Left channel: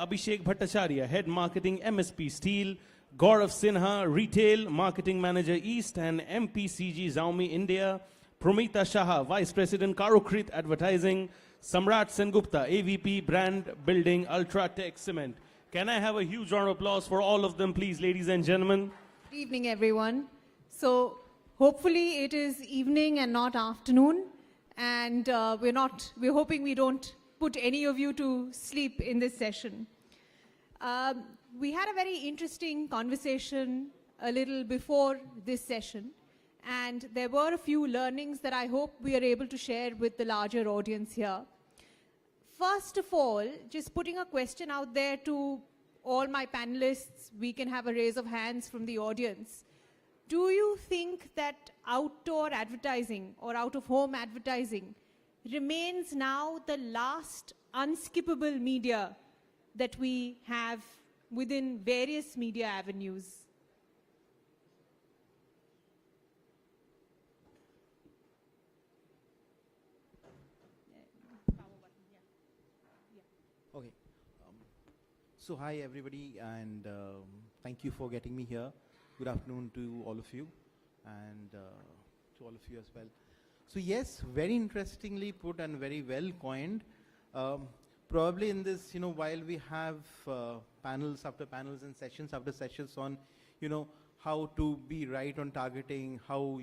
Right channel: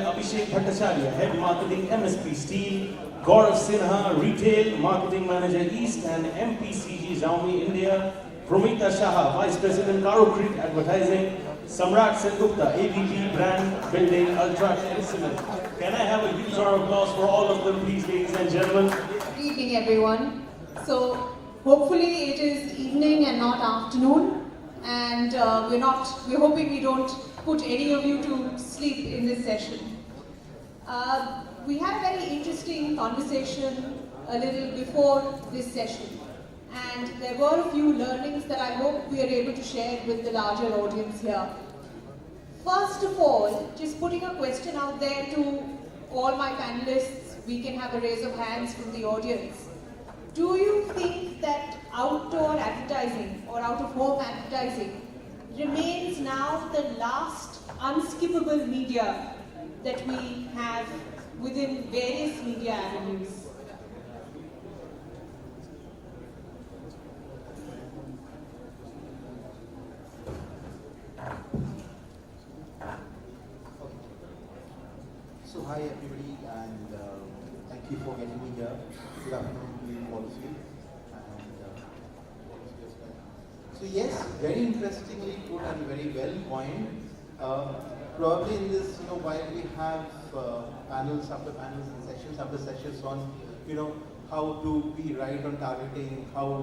Abhishek Bhattacharya, Head Marketing MSP Steel, Gourav Sinha, Retail Marketing Manager East and MPCG Xiaomi India, Promita, Vice President Karukrit Advertising, Samrat, Sengupta, ABP Brand Building, UltraTech. Can I have a huge round of applause for all of them, please, ladies and gentlemen? Good evening, everyone. So, hopefully it is evening and not afternoon, and we're hoping we don't put any of you to sleep in this session. We had a very interesting conversation a little before this session, and there were a few learnings that I hope we are able to share with the larger audience here. First of all, just putting a question out there to all my panelists, we can have a raise of hands from the audience. Do you think that outdoor advertising or out-of-home advertising remains now the last unskippable media that we have within various media avenues? So hi everybody, and thank you for getting me here. Good afternoon to all of you. And so yes, very interestingly put and very well coined. Probably in this, while we have panels after panels and sections after sections on, how to be right on targeting, how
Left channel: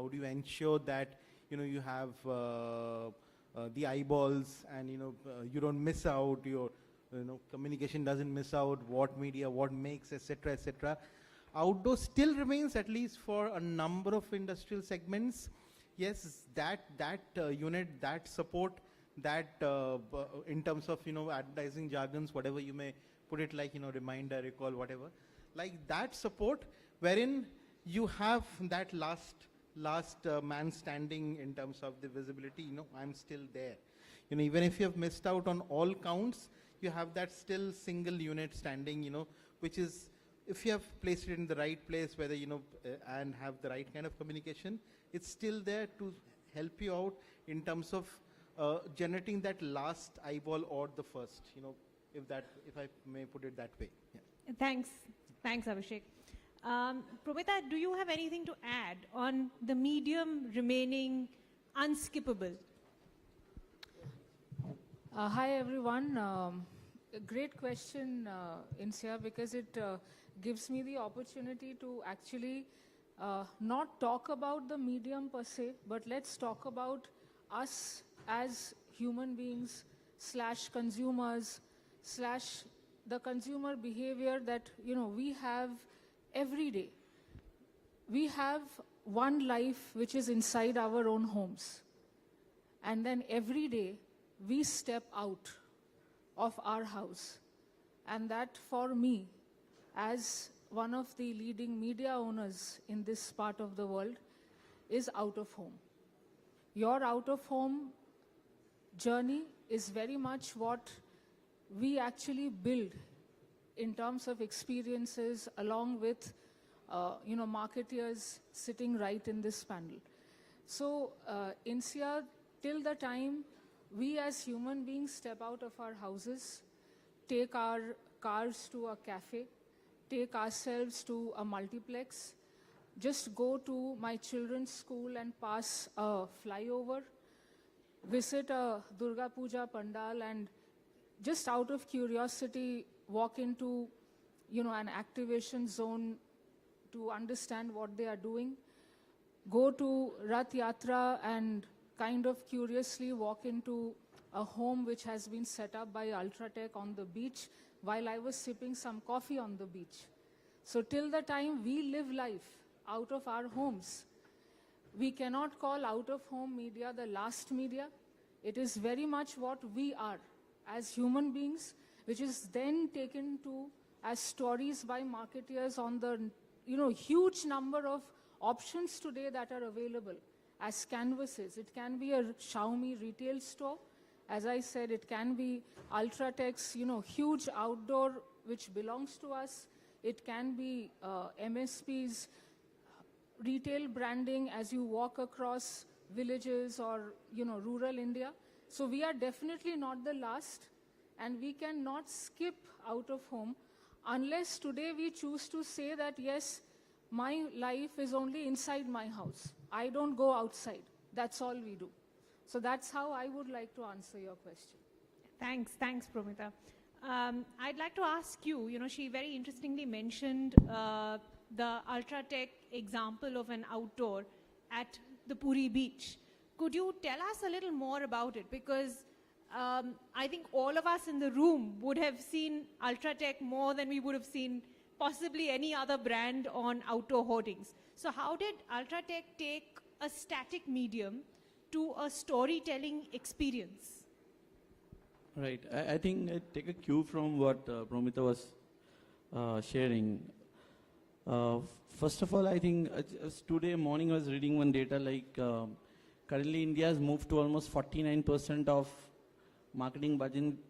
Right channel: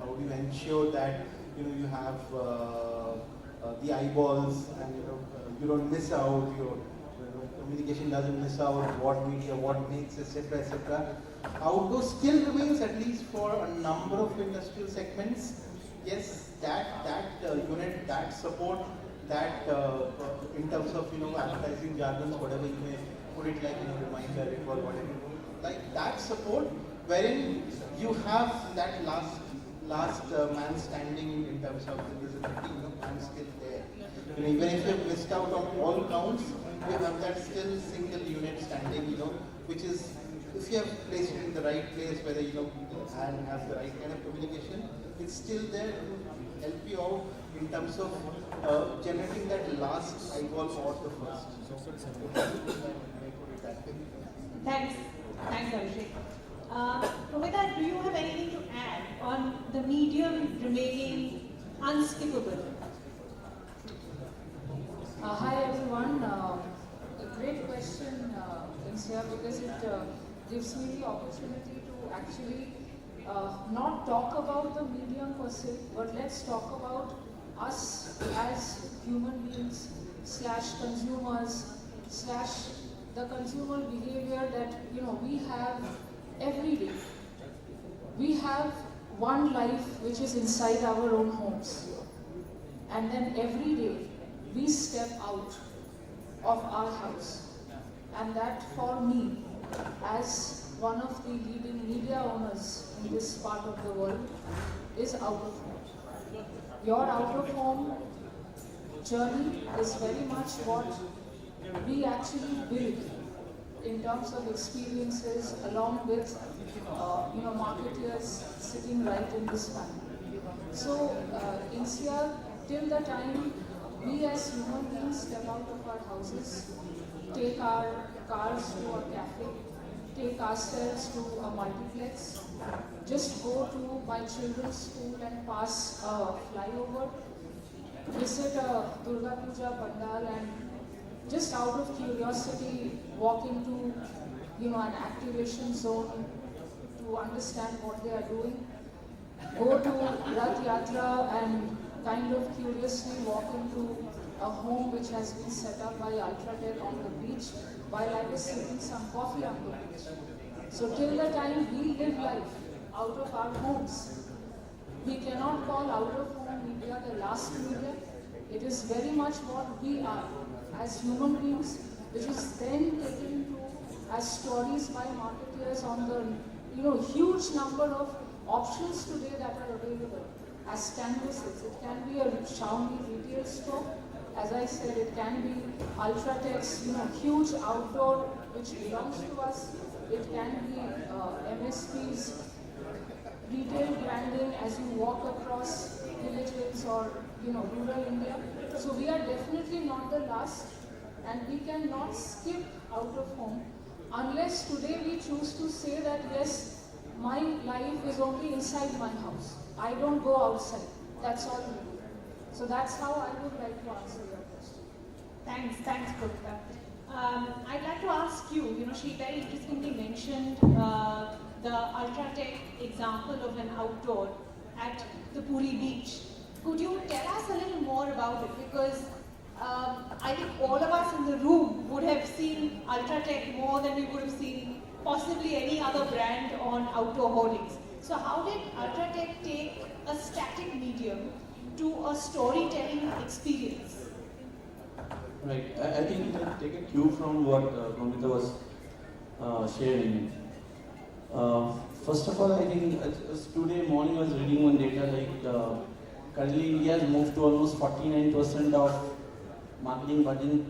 how you ensure that you have the eyeballs and you don't miss out, your communication doesn't miss out, what media, what makes, etc., etc. Outdoor still remains, at least for a number of industrial segments. Yes, that unit, that support, that in terms of advertising jargons, whatever you may put it like in a reminder or whatever, like that support, wherein you have that last man standing in terms of visibility and still there. Even if you have missed out on all counts, you have that still single unit standing, which is, if you have placed it in the right place, whether and have the right kind of communication, it's still there to help you out in terms of generating that last eyeball or the first. Thanks, Abhishek. Promita, do you have anything to add on the medium remaining unskippable? Hi everyone. Great question, Insiyah, because it gives me the opportunity to actually not talk about the medium per se, but let's talk about us as human beings / consumers / the consumer behavior that we have every day. We have one life which is inside our own homes, and then every day we step out of our house, and that for me, as one of the leading media owners in this part of the world, is out of home. Your out of home journey is very much what we actually build in terms of experiences, along with marketers sitting right in this time. So Insiyah, till the time we as human beings step out of our houses, take our cars to a cafe, take ourselves to a multiplex, just go to my children's school and pass a flyover, visit a Durga Puja Pandal, and just out of curiosity walk into an activation zone to understand what they are doing, go to Rath Yatra and kind of curiously walk into a home which has been set up by UltraTech on the beach while I was sipping some coffee on the beach. So till the time we live life out of our homes, we cannot call out of home media the last media. It is very much what we are as human beings, which is then taken to as stories by marketers on the huge number of options today that are available as canvases. It can be a Xiaomi retail store. As I said, it can be UltraTech's huge outdoor which belongs to us. It can be MSP's retail branding as you walk across villages or rural India. So we are definitely not the last, and we cannot skip out of home unless today we choose to say that yes, my life is only inside my house. I don't go outside. That's all we do. So that's how I would like to answer your question. Thanks, Promita. I'd like to ask you, she very interestingly mentioned the UltraTech example of an outdoor at the Puri beach. Could you tell us a little more about it? Because I think all of us in the room would have seen UltraTech more than we would have seen possibly any other brand on outdoor hoardings. So how did UltraTech take a static medium to a storytelling experience? Right. I think we can take a cue from what Promita was sharing. First of all, I think today morning I was reading one data currently India has moved to almost 49% of marketing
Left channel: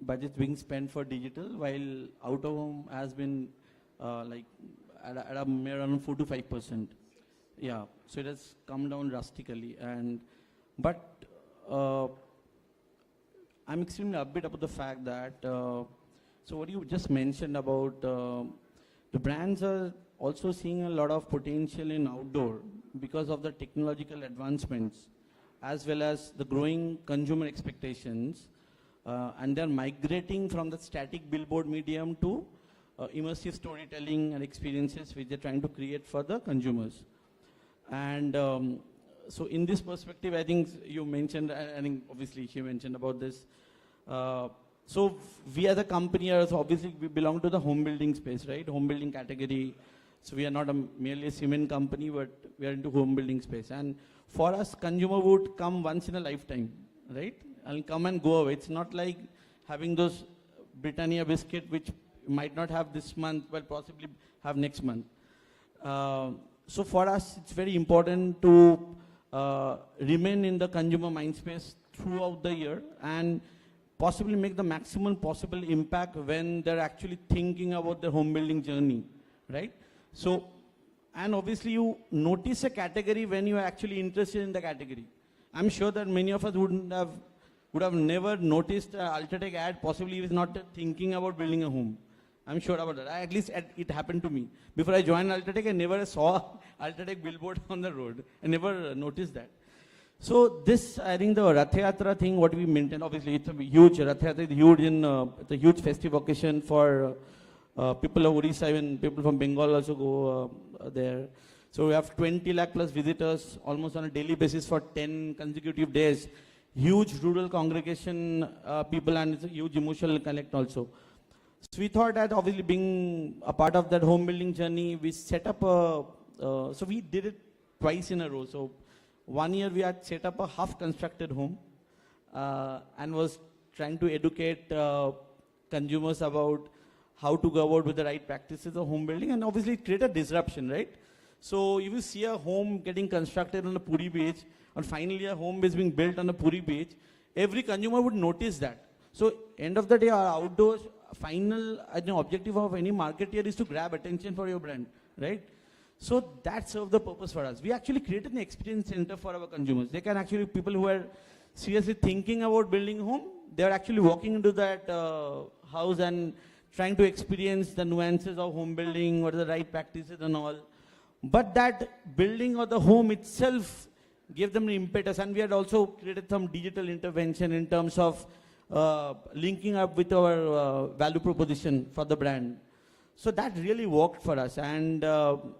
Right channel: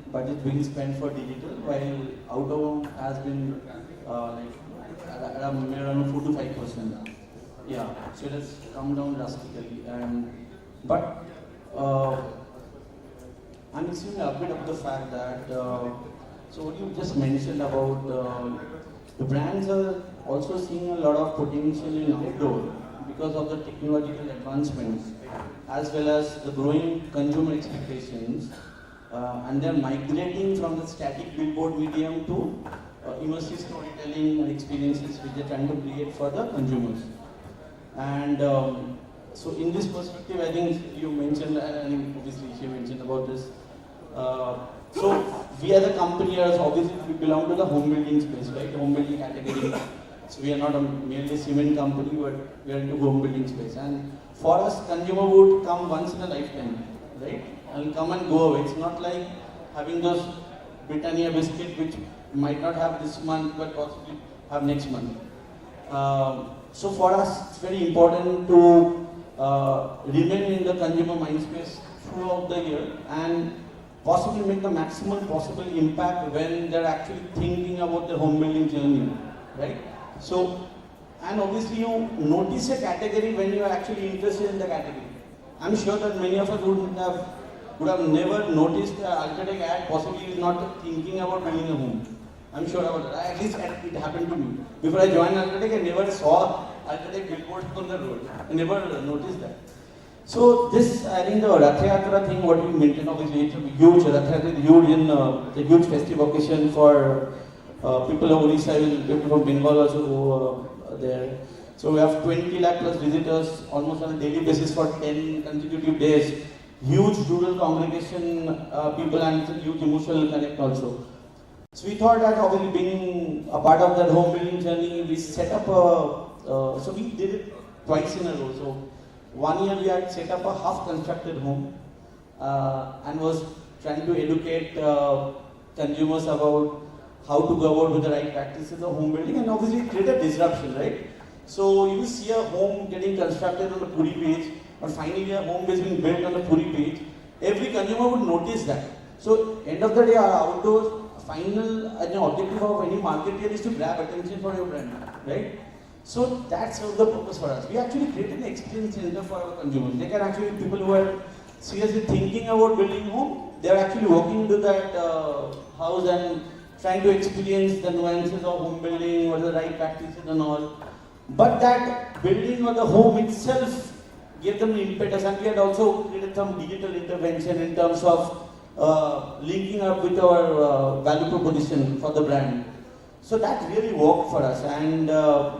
budget being spent for digital, while outdoor has been around 2 to 5%. Yeah, so it has come down drastically. But I'm missing a bit of the fact that, so what you just mentioned about the brands are also seeing a lot of potential in outdoor because of the technological advancements as well as the growing consumer expectations, and they're migrating from the static billboard medium to immersive storytelling and experiences which they're trying to create for the consumers. And so in this perspective, I think you mentioned, I think you mentioned about this. So we as a company are obviously we belong to the home building space, right? Home building category. So we are not merely a cement company, but we are into home building space. And for us, consumer would come once in a lifetime, right? And come and go away. It's not like having those Britannia biscuit which might not have this month, but possibly have next month. So for us, it's very important to remain in the consumer mind space throughout the year and possibly make the maximum possible impact when they're actually thinking about the home building journey, right? So, and obviously you notice a category when you're actually interested in the category. I'm sure that many of us would have never noticed the UltraTech ad, possibly not thinking about building a home. I'm sure at least it happened to me. Before I joined UltraTech, I never saw UltraTech billboard on the road. I never noticed that. So this, I think the Rath Yatra thing, what you mentioned, obviously it's huge. Rath Yatra is huge in the huge festival occasion for people of Insiyah, people from Bengal also are there. So we have 20 lakh plus visitors almost on a daily basis for 10 consecutive days. Huge rural congregation, people and huge emotional connect also. So we thought that obviously being a part of the home building journey, we set up so we did it twice in a row. So 1 year we had set up a half constructed home and was trying to educate consumers about how to go about with the right practices of home building, and obviously create a disruption, right? So you see a home getting constructed on a Puri page, and finally a home is being built on a Puri page. Every consumer would notice that. So end of the day, our outdoor final objective of any market here is to grab attention for your brand, right? So that's the purpose for us. We actually created the experience center for our consumers. They can actually, people who are seriously thinking about building home, they are actually walking into that house and trying to experience the nuances of home building, what are the right practices and all. But that building or the home itself gave them an impetus, and we had also created some digital intervention in terms of linking up with our value proposition for the brand. So that really worked for us, and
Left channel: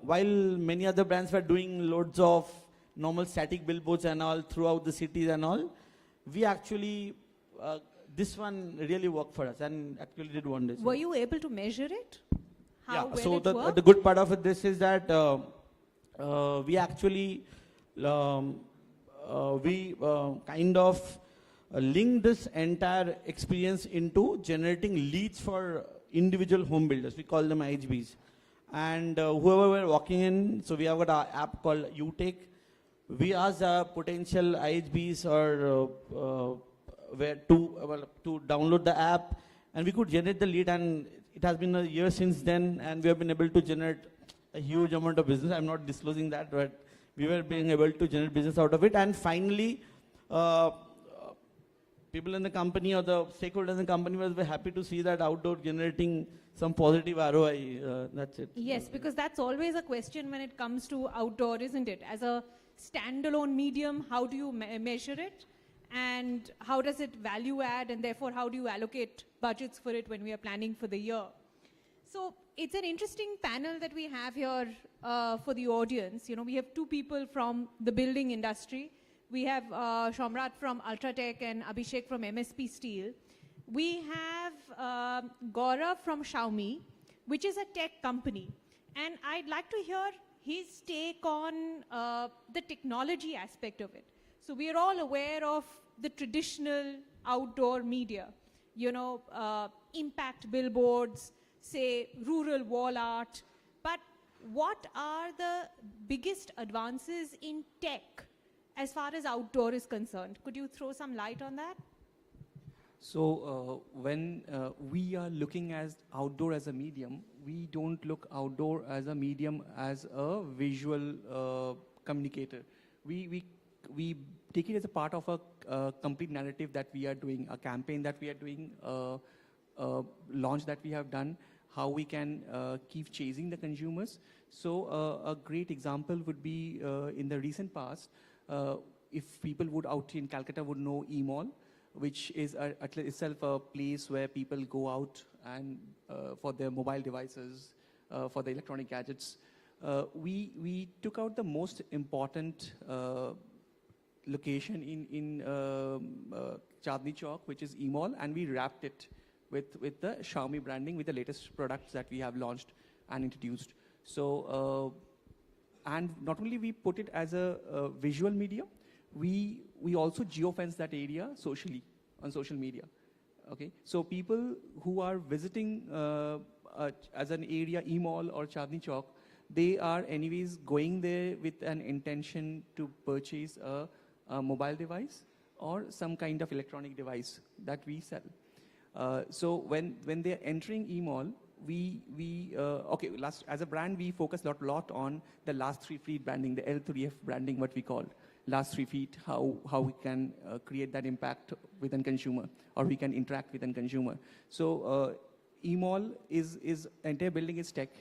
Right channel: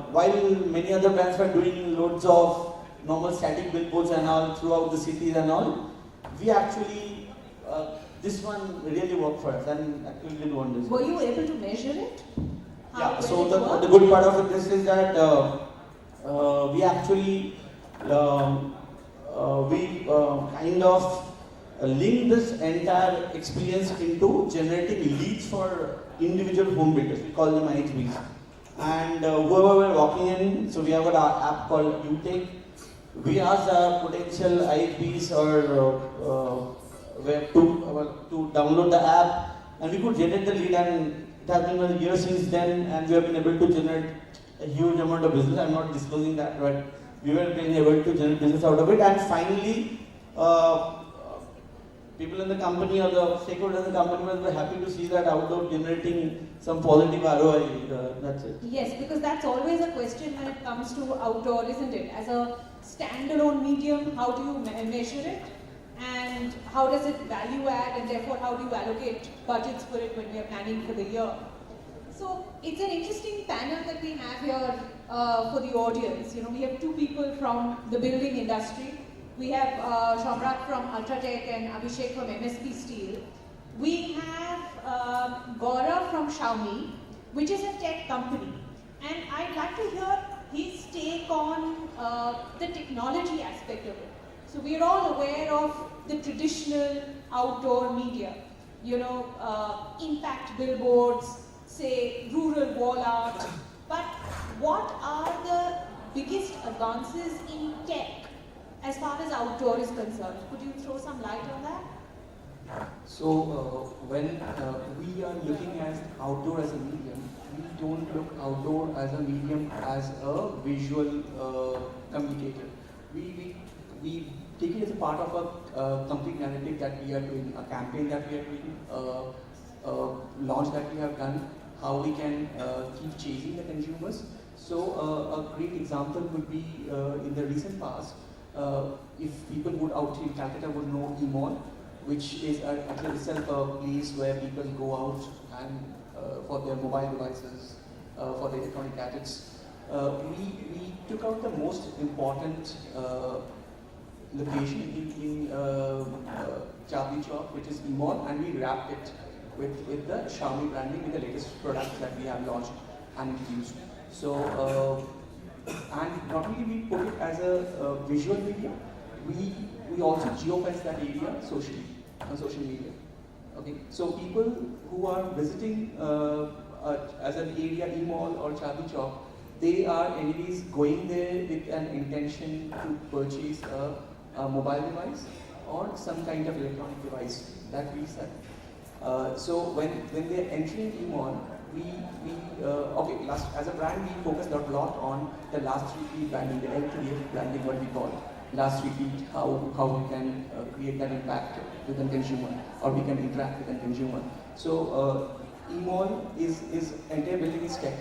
while many other brands were doing loads of normal static billboards and all throughout the cities and all, we actually, this one really worked for us and actually did wonders. Were you able to measure it? Yeah, so the good part of this is that we actually, kind of link this entire experience into generating leads for individual home builders. We call them IPs. And whoever walking in, so we have an app called UltraTech. We ask our potential IPs or where to download the app, and we could generate the lead. And it has been a year since then, and we have been able to generate a huge amount of business. I'm not disclosing that, but we were able to generate business out of it. And finally, people in the company or the stakeholders in the company were happy to see that outdoor generating some positive ROI. That's it. Yes, because that's always a question when it comes to outdoor, isn't it? As a standalone medium, how do you measure it? And how does it value add, and therefore how do you allocate budgets for it when we are planning for the year? So it's an interesting panel that we have here for the audience. You know, we have two people from the building industry. We have Samrat from UltraTech and Abhishek from MSP Steel. We have Gourav from Xiaomi, which is a tech company. And I'd like to hear his take on the technology aspect of it. So we're all aware of the traditional outdoor media, you know, impact billboards, say rural wall art. But what are the biggest advances in tech as far as outdoor is concerned? Could you throw some light on that? So when we are looking at outdoor as a medium, we don't look outdoor as a medium as a visual communicator. We take it as part of a complete narrative that we are doing, a campaign that we are doing, a launch that we have done, how we can keep chasing the consumers. So a great example would be in the recent past, if people go out in Calcutta would know E-Mall, which is actually itself a place where people go out and for their mobile devices, for their electronic gadgets. We took out the most important location in Charcha, which is E-Mall, and we wrapped it with the Xiaomi branding, with the latest products that we have launched and used. So, and not only we put it as a visual medium, we also geofence that area socially, on social media. Okay, so people who are visiting as an area, E-Mall or Charcha, they are anyways going there with an intention to purchase a mobile device or some kind of electronic device that we sell. So when they are entering E-Mall, as a brand we focused a lot on the last retreat branding, the LTF branding, what we call last retreat, how we can create an impact with the consumer, or we can interact with the consumer. So E-Mall is entire building tech.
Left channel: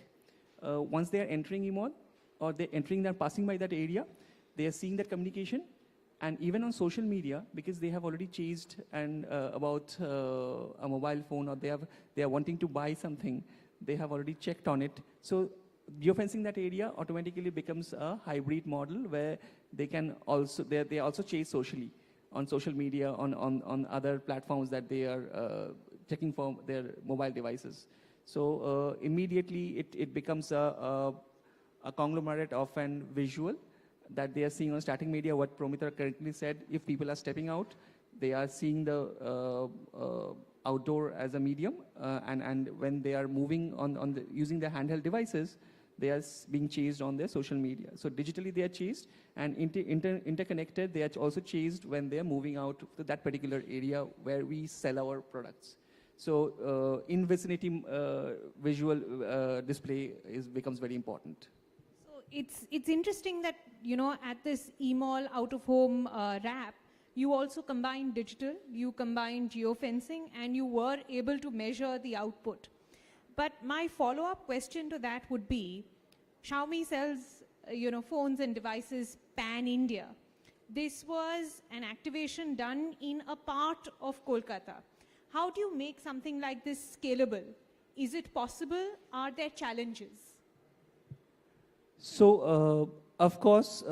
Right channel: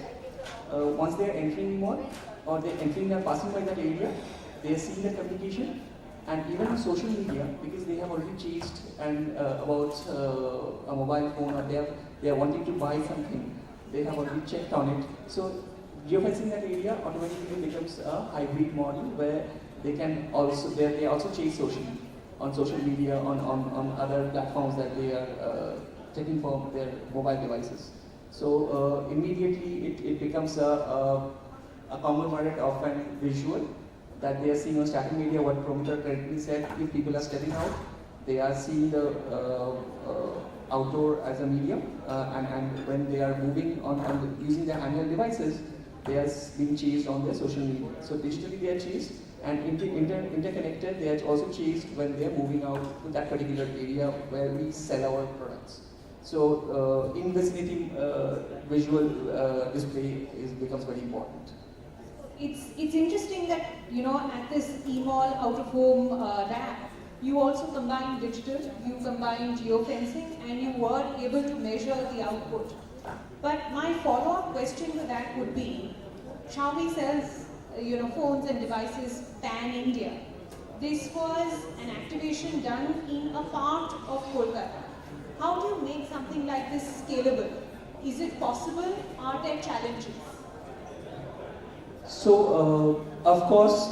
Once they are entering E-Mall, or they are entering and passing by that area, they are seeing the communication, and even on social media, because they have already chased and about a mobile phone, or they are wanting to buy something, they have already checked on it. So geofencing that area automatically becomes a hybrid model where they can also they also chase socially on social media, on other platforms that they are checking for their mobile devices. So immediately it becomes a conglomerate of a visual that they are seeing on static media. What Promita correctly said, if people are stepping out, they are seeing the outdoor as a medium, and when they are moving on using their handheld devices, they are being chased on their social media. So digitally they are chased, and interconnected they are also chased when they are moving out to that particular area where we sell our products. So in vicinity visual display becomes very important. It's interesting that, you know, at this E-Mall out-of-home lab, you also combine digital, you combine geofencing, and you were able to measure the output. But my follow-up question to that would be, Xiaomi sells, you know, phones and devices pan-India. This was an activation done in a part of Kolkata. How do you make something like this scalable? Is it possible? Are there challenges? So, of course,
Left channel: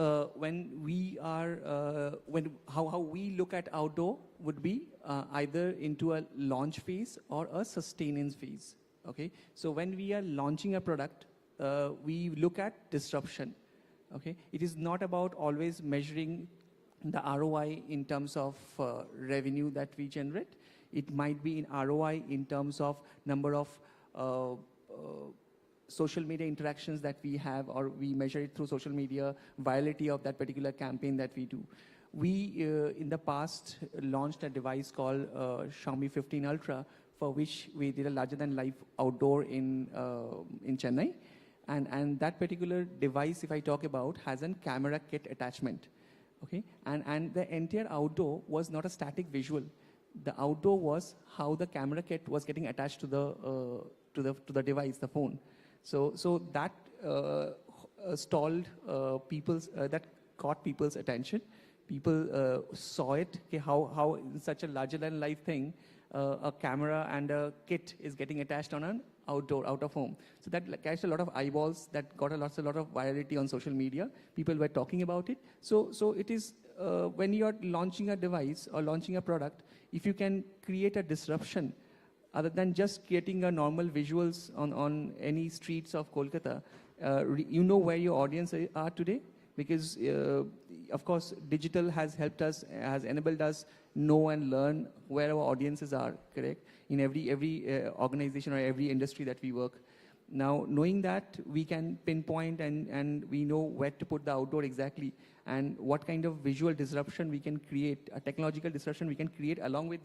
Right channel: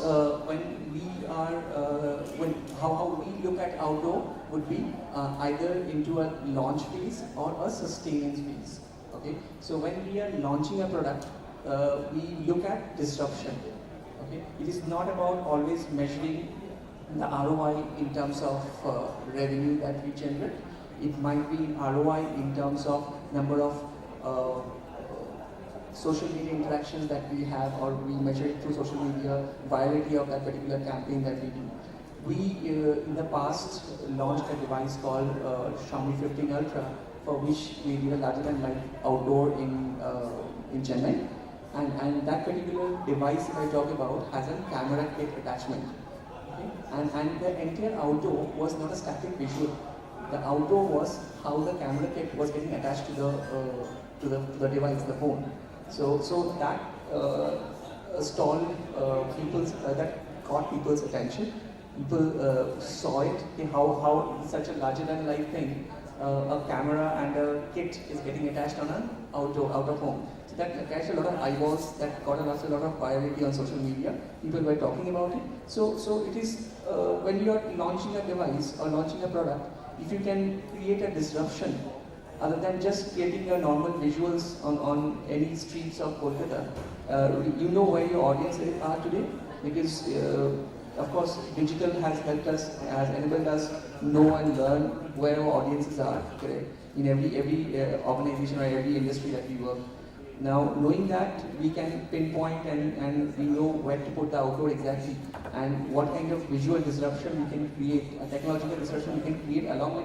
how we look at outdoor would be either into a launch phase or a sustenance phase. Okay, so when we are launching a product, we look at disruption. Okay, it is not about always measuring the ROI in terms of revenue that we generate. It might be ROI in terms of number of social media interactions that we have, or we measure it through social media, virality of that particular campaign that we do. We, in the past, launched a device called Xiaomi 15 Ultra, for which we did a larger than outdoor in Chennai. And that particular device I talked about has a camera kit attachment. Okay? And the entire outdoor was not a static visual. The outdoor was how the camera kit was getting attached to the device, the phone. So that stalled that caught people's attention. People saw it in how such a larger than life thing, a camera and a kit is getting attached on an out of home. So that catches a lot of eyeballs, that got a lot of virality on social media. People were talking about it. So it is when you are launching a device or launching a product, if you can create a disruption other than just creating a normal visuals on any streets of Kolkata, you know where your audiences are today, because of course digital has helped us, has enabled us know and learn where our audiences are today in every organization or every industry that we work. Now knowing that, we can pinpoint and we know where to put the outdoor exactly, and what kind of visual disruption we can create, technological disruption we can create along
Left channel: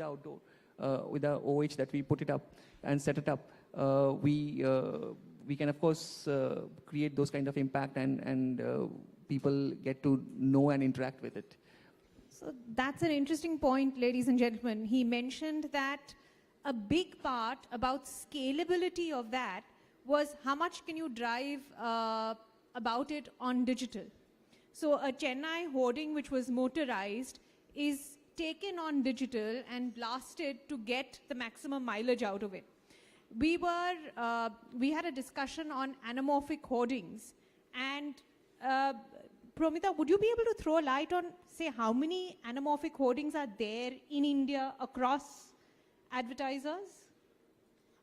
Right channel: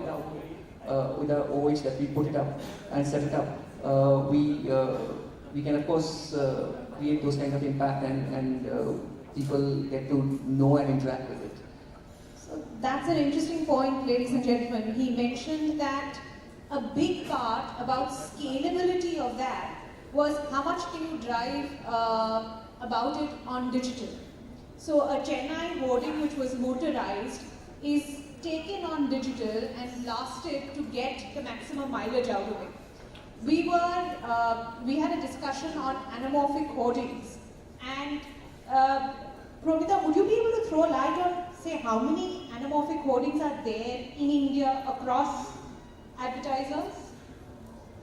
with the OH that we put it up and set it up. We can of course create those kind of impact and people get to know and interact with it. So that's an interesting point, ladies and gentlemen. He mentioned that a big part about scalability of that was how much can you drive about it on digital. So a Chennai boarding which was motorized is taken on digital and lasted to get the maximum mileage out of it. We had a discussion on anamorphic hoardings, and Promita, would you be able to throw light on, say, how many anamorphic hoardings are there in India across advertisers?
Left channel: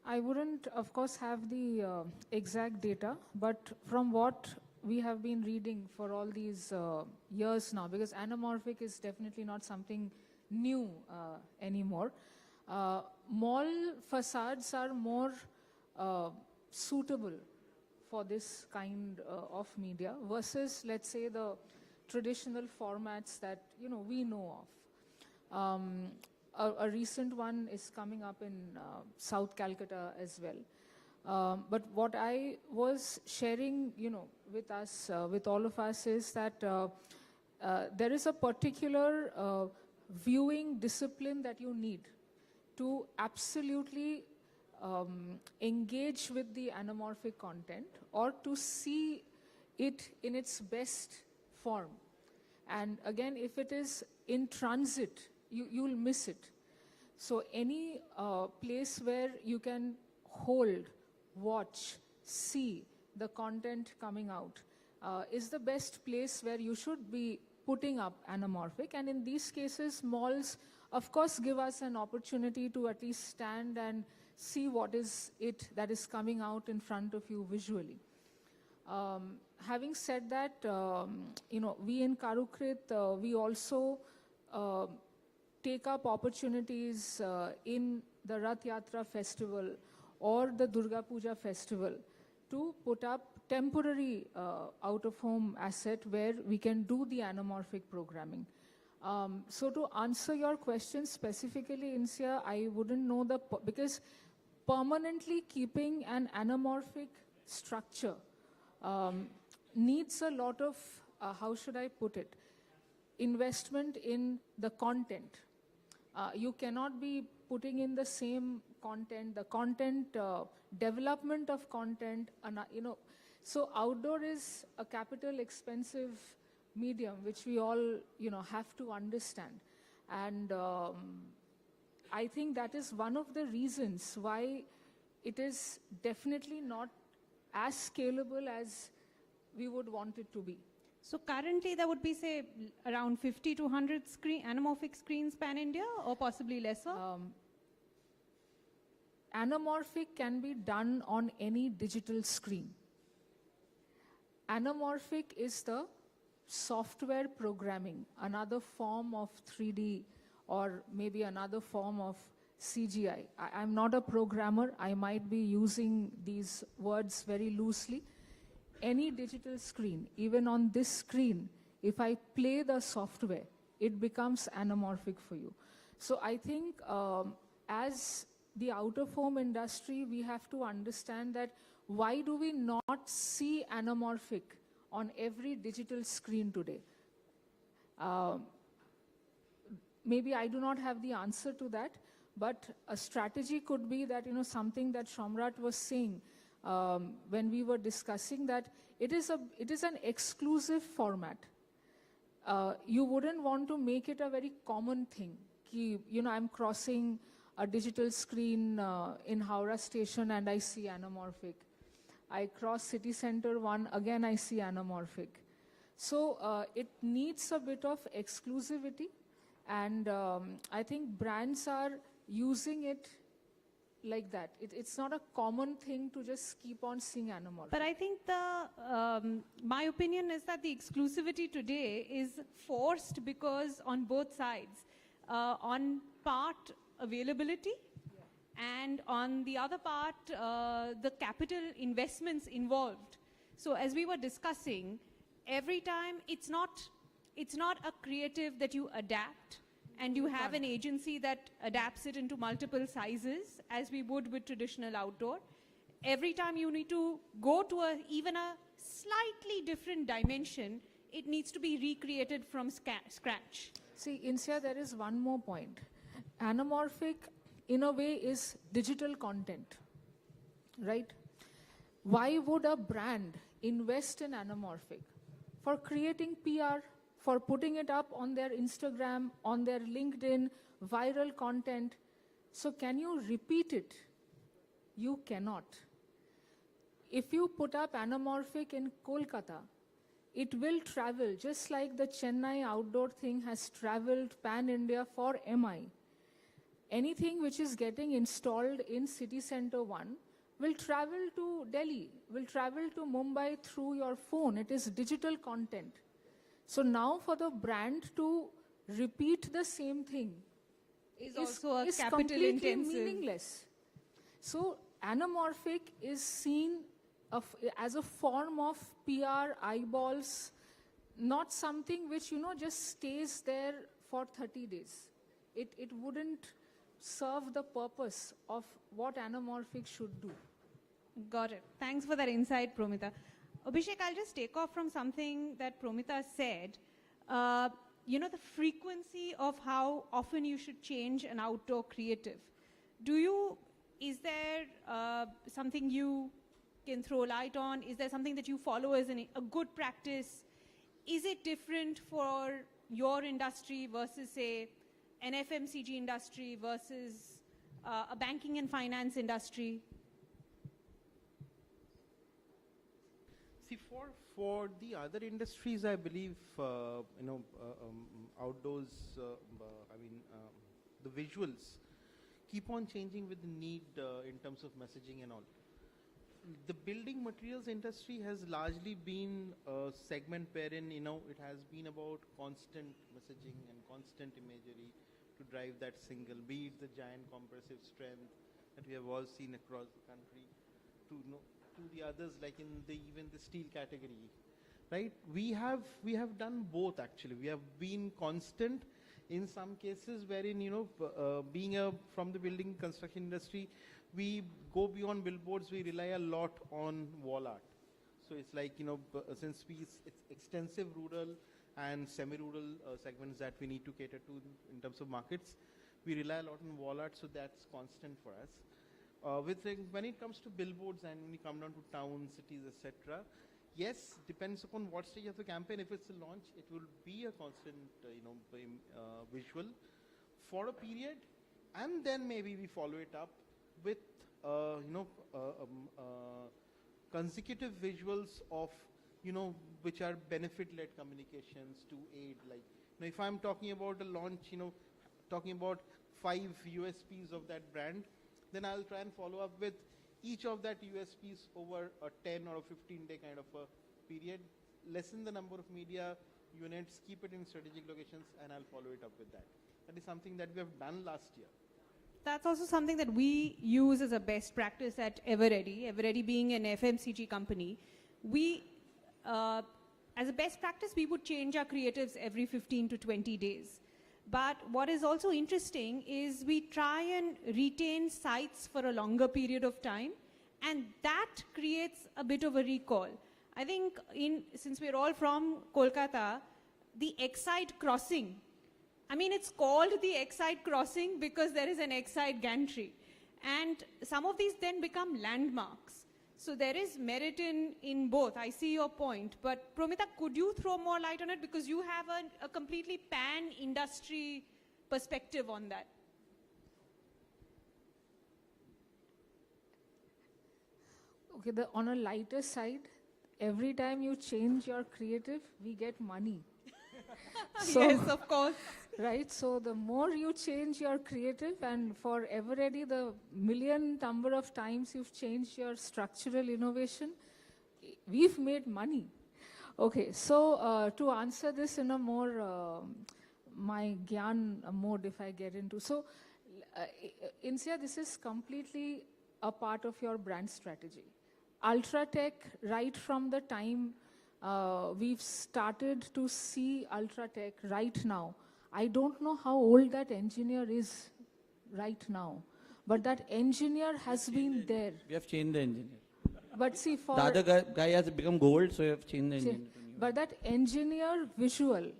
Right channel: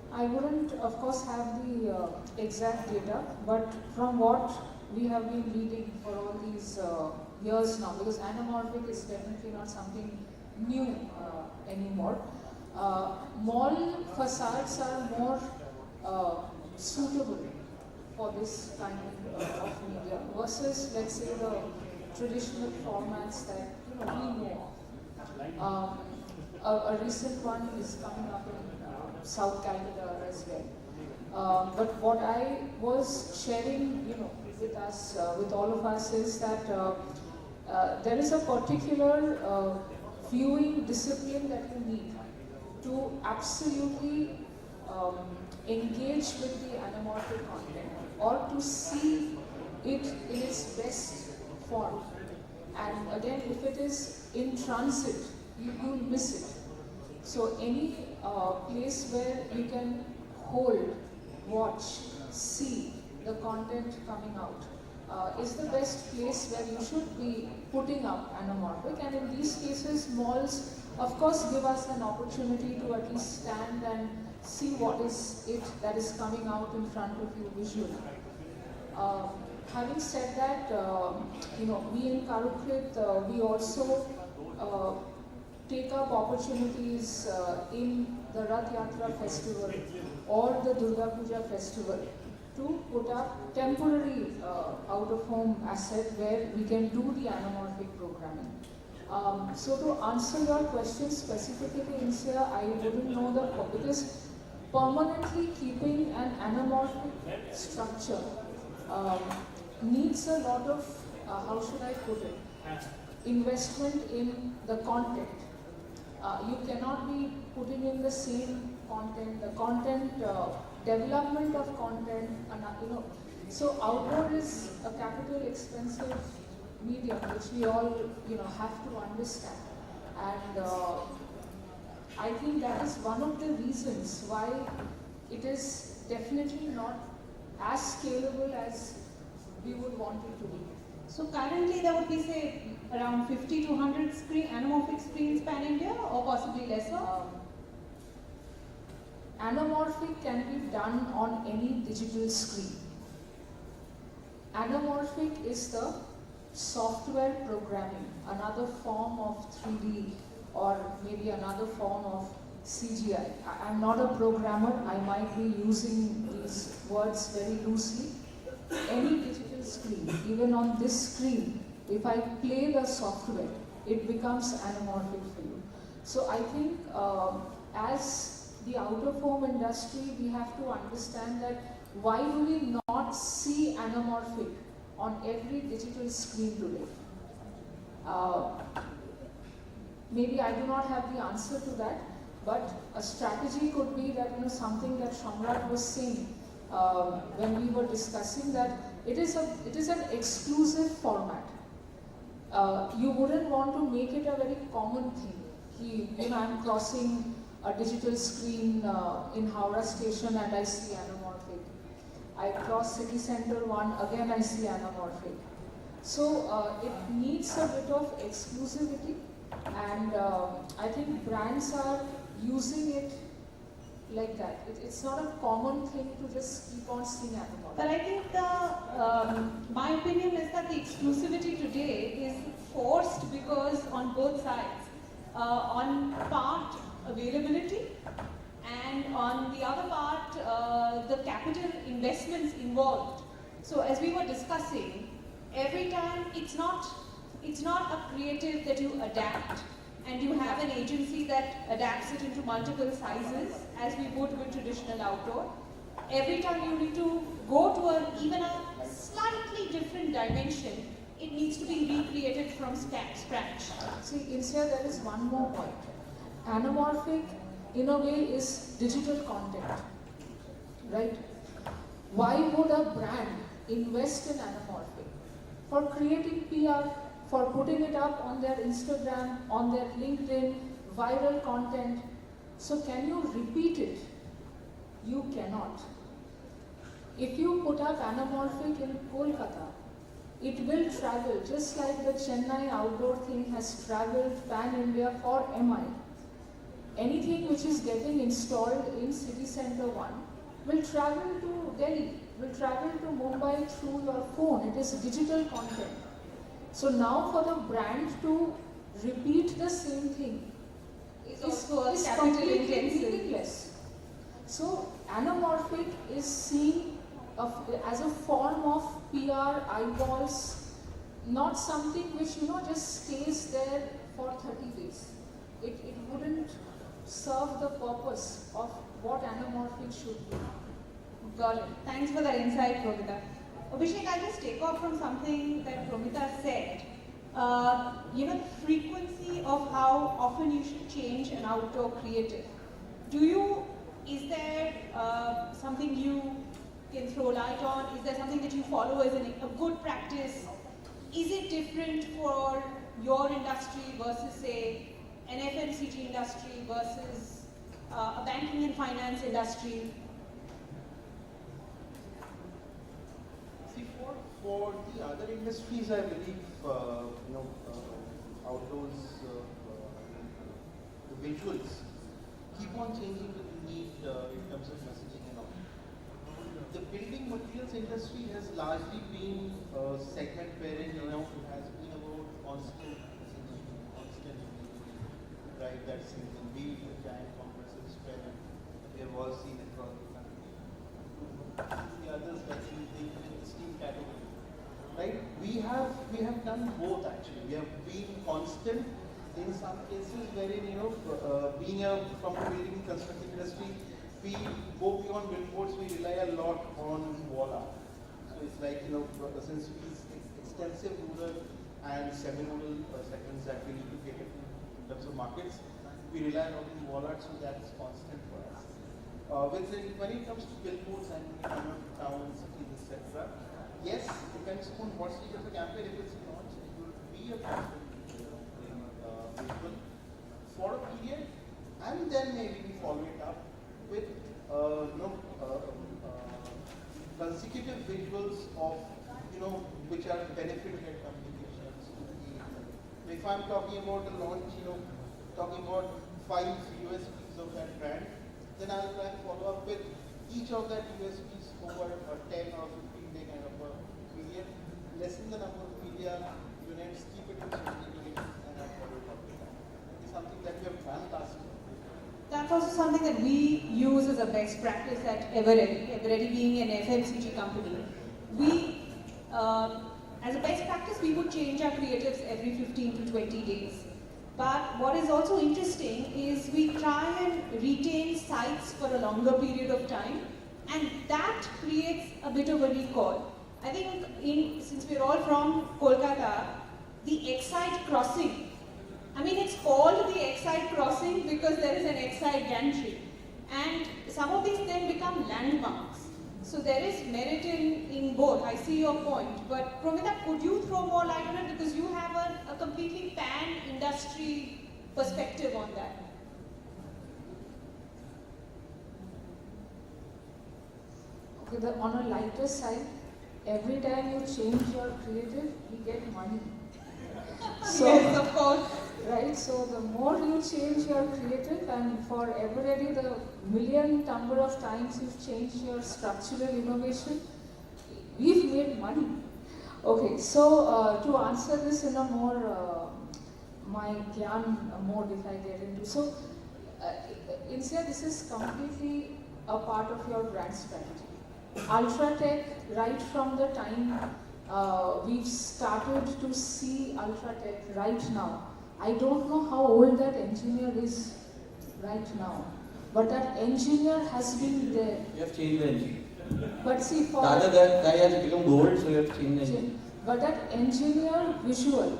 I wouldn't, of course, have the exact data, but from what we have been reading for all these years now, because anamorphic is definitely not something new anymore. Mall facades are more suitable for this kind of media versus, let's say, the traditional formats that we know. A recent one is coming up in South Calcutta as well. But what I was sharing, with us, with all of us, is that there is a particular viewing discipline that you need to absolutely engage with the anamorphic content, or to see it in its best form. And again, if it is in transit, you'll miss it. So any place where you can hold, watch, see the content coming out is the best place where you should be putting up anamorphic. And in these cases, malls, of course, give us an opportunity to at least stand and see what is it that is coming out in front of you visually. Having said that, we in Karukrit, we also take up opportunities in the Rath Yatra festival or the Durga Puja festival to put up temporary out-of-home asset where we can do the anamorphic programming. So to answer your question specifically, Insiyah, I wouldn't know because permanently keeping an anamorphic structure needs a lot of, how should I put it, investment in the content. You cannot be putting in the same content, the content, development of content, So outdoor is a capital expensive media which we all, have to understand. And I think that is one of the reasons why it is definitely not as scalable as we would want it to be. So currently there would be, say, around 50 to 100 anamorphic screens pan India, or possibly lesser? Anamorphic can be done on any digital screen. Anamorphic is the software programming, another form of 3D or maybe another form of CGI. I'm not a programmer, I might be using these words very loosely. Any digital screen, even on this screen, if I play the software, it becomes anamorphic for you. So I think as the out-of-home industry, we have to understand that why do we not see anamorphic on every digital screen today? Maybe I do not have the answer to that, but a strategy could be that, something that Samrat was saying when we were discussing, that it is an exclusive format. You wouldn't want to make it a very common thing. I'm crossing a digital screen in Howrah station and I see anamorphic. I cross City Center 1, again I see anamorphic. So it needs a bit of exclusivity, and I think brands are using it like that. It's not a common thing to just keep on seeing anamorphic. But I think my opinion is that the exclusivity today is forced because on both sides, on part availability, and on the other part the capital investments involved. So as we were discussing, every time it's not a creative that you adapt, and you have an agency that adapts it into multiple sizes as you would with traditional outdoor. Every time you need to go to even a slightly different dimension, it needs to be recreated from scratch. See, Insiyah, there is one more point. Anamorphic, in a way, is digital content, right? Why would a brand invest in anamorphic? For creating PR, for putting it up on their Instagram, on their LinkedIn, viral content. So can you repeat it? You cannot. If you put up anamorphic in Kolkata, it will travel, just like the Chennai outdoor thing has traveled pan-India for MI. Anything which is getting installed in City Center 1 will travel to Delhi, will travel to Mumbai through your phone. It is digital content. So now for the brand to repeat the same thing is completely less. So anamorphic is seen as a form of PR, eyeballs, not something which just stays there for 30 days. It wouldn't serve the purpose of what anamorphic should be. Got it. Thanks for that insight, Promita. Abhishek, I'll just take off from something that Promita said. The frequency of how often you should change an outdoor creative. Is there something you can throw light on? Is there something that you follow as a good practice? Is it different for your industry versus, say, an FMCG industry versus banking and finance industry? See, for the other industries, I believe, how those the visuals keep on changing with the need in terms of messaging and all. The building materials industry has largely been a segment wherein, it has been about constant, right? That single beat, the giant compressive strength. There was even from the others, like the steam category, right? We have done both actually. We have been constant in some cases where, being from the building construction industry, we go beyond billboards, we rely a lot on Chawala. So it's like, since we extensive rural and semi-rural segments that we need to cater to in terms of markets, we rely on Chawala, so that's constant for us. When it comes to billboards and the kind of towns, etc., yes, depends on what stage of the campaign it is launched. It will be a visual for a period, and then maybe we follow it up with consecutive visuals of which are benefit-led communications. If I'm talking about the launch, talking about 5 USPs of that brand, then I will follow up with each of that USPs over a 10 or 15 day kind of a period, lessen the number of media units, keep it in circulation, and follow it up. And it's something that we have done last year. That's also something that we use as a best practice at Eveready. Eveready being an FMCG company. We, as a best practice, we would change our creatives every 15 to 20 days. But what is also interesting is we try and retain sites for a longer period of time, and that creates a bit of a recall. I think since we're all from Kolkata, the Excite crossing, it's called the Excite crossing because there is an Excite on a lighter side, every time you change your creative, you get money. So, yes, of course. Right, so the more you change your creative, and for Eveready, the million number of times you've changed your structural innovation, we've made money. Okay, so to answer this in a more, my gyan mode, if I get into. So, Insiyah, this is completely a part of your brand strategy. UltraTech, right from the time we've started to see UltraTech right now. I don't know how old that engineer is right now, but that engineer has been there. You have changed the engine. But see, for That has become old, so you have changed the engine. but that engineer visual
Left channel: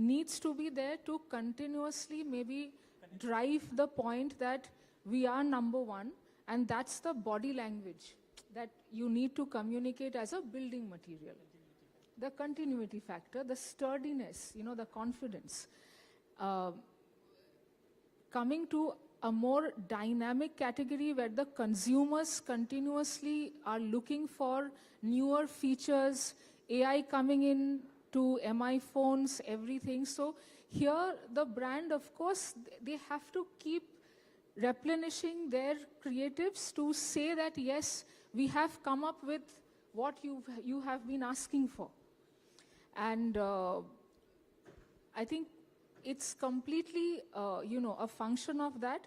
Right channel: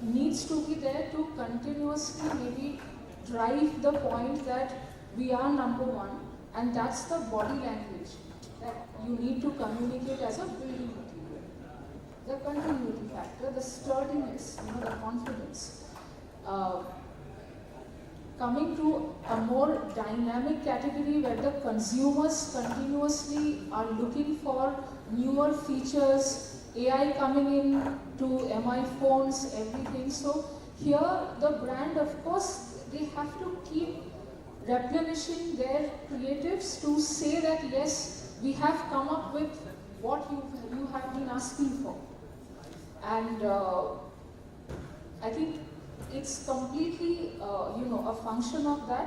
needs to be there to continuously maybe drive the point that we are number one, and that's the body language that you need to communicate as a building material. The continuity factor, the sturdiness, the confidence. Coming to a more dynamic category where the consumers continuously are looking for newer features, AI coming in to MI phones, everything. So here the brand, of course, they have to keep replenishing their creatives to say that yes, we have come up with what you have been asking for. And I think it's completely, a function of that.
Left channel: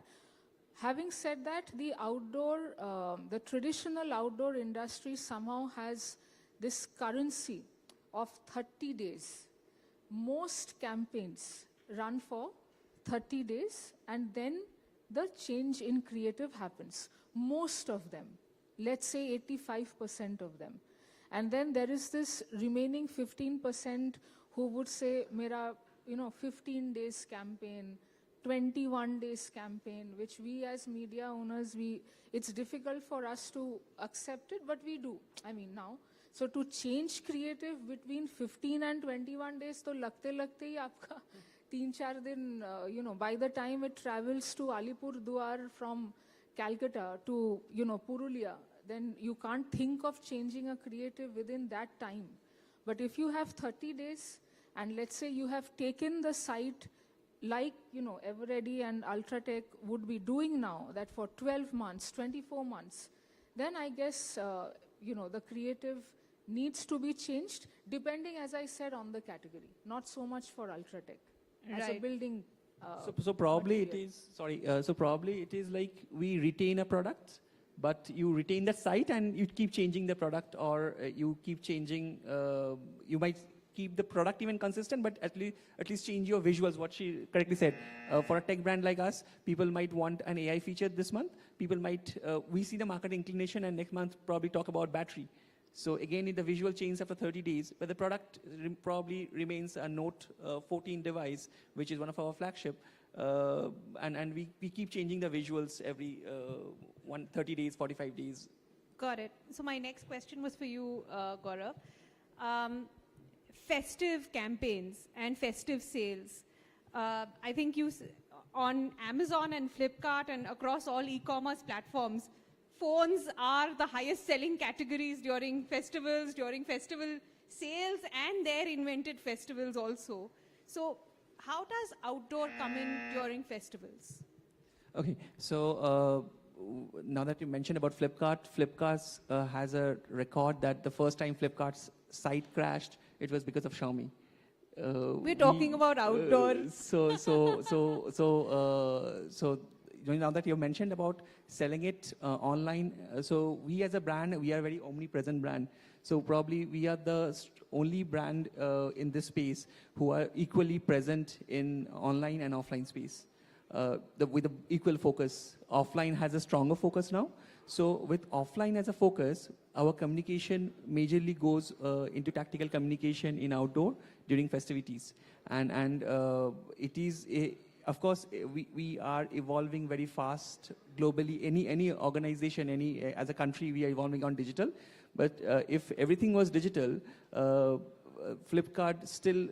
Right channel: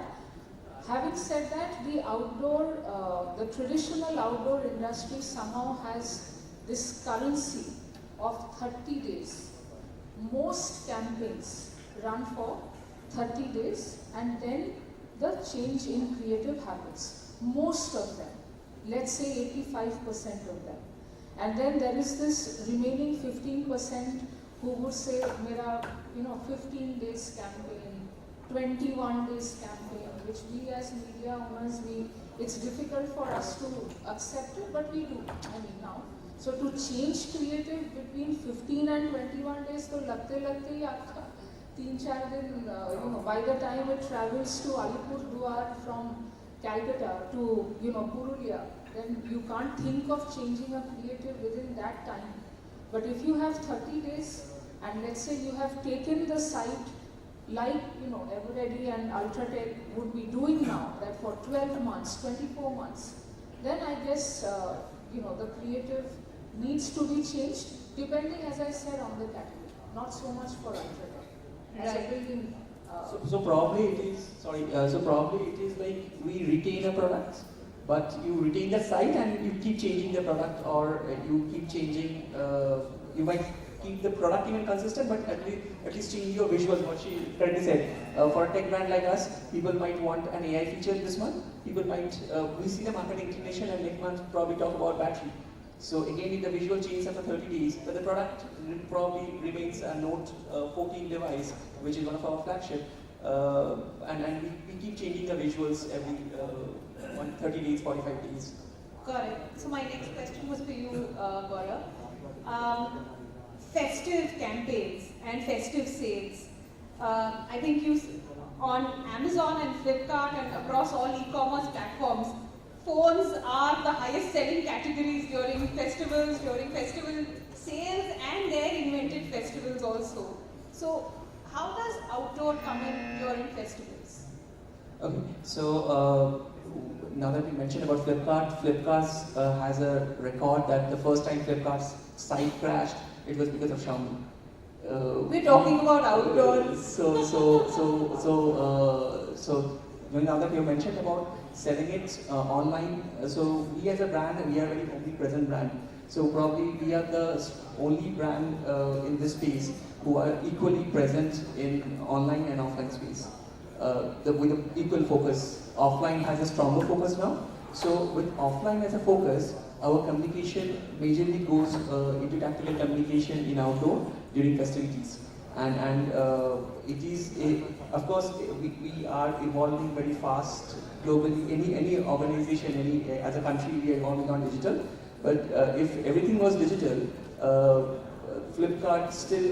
Having said that, the traditional outdoor industry somehow has this currency of 30 days. Most campaigns run for 30 days, and then the change in creative habits. Most of them, let's say 85% of them. And then there is this remaining 15% who would say, Mera, 15 days campaign, 21 days campaign, which we as media owners, it's difficult for us to accept it, but we do now. So to change creative between 15 and 21 days, so lagte aapka 3-4 din, by the time it travels to Alipurduar from Calcutta to, Purulia, then you can't think of changing a creative within that time. But if you have 30 days, and let's say you have taken the site like, Eveready and UltraTech would be doing now, that for 12 months, 24 months, then I guess, the creative needs to be changed, depending, as I said, on the category, not so much for UltraTech. And I really, So probably it is like we retain a product, but you retain the site and you keep changing the product, or you keep changing, you might keep the product even consistent, but at least change your visuals, what she correctly said. For a tech brand like us, people might want an AI feature this month, people might, we see the marketing inclination and next month probably talk about battery. So again, the visual changes after 30 days, but the product probably remains a Note 14 device, which is one of our flagship. And we keep changing the visuals every 30 days, 45 days. Got it. So my next question was for you, Gourav. Festive campaigns and festive sales. I think you, on Amazon and Flipkart and across all e-commerce platforms, phones are the highest selling categories during festivals, during festival sales, and their invented festivals also. So how does outdoor come in during festivals? Okay, so now that you mentioned about Flipkart has a record that the first time Flipkart's site crashed, it was because of Xiaomi. We're talking about outdoors. So now that you mentioned about selling it online, so we as a brand, we are a very omnipresent brand. So probably we are the only brand in this space who are equally present in online and offline space. With equal focus. Offline has a stronger focus now. So with offline as a focus, our communication majorly goes into tactical communication in outdoor during festivities. And it is, of course, we are evolving very fast globally. Any organization, as a country, we are evolving on digital. But if everything was digital, Flipkart still,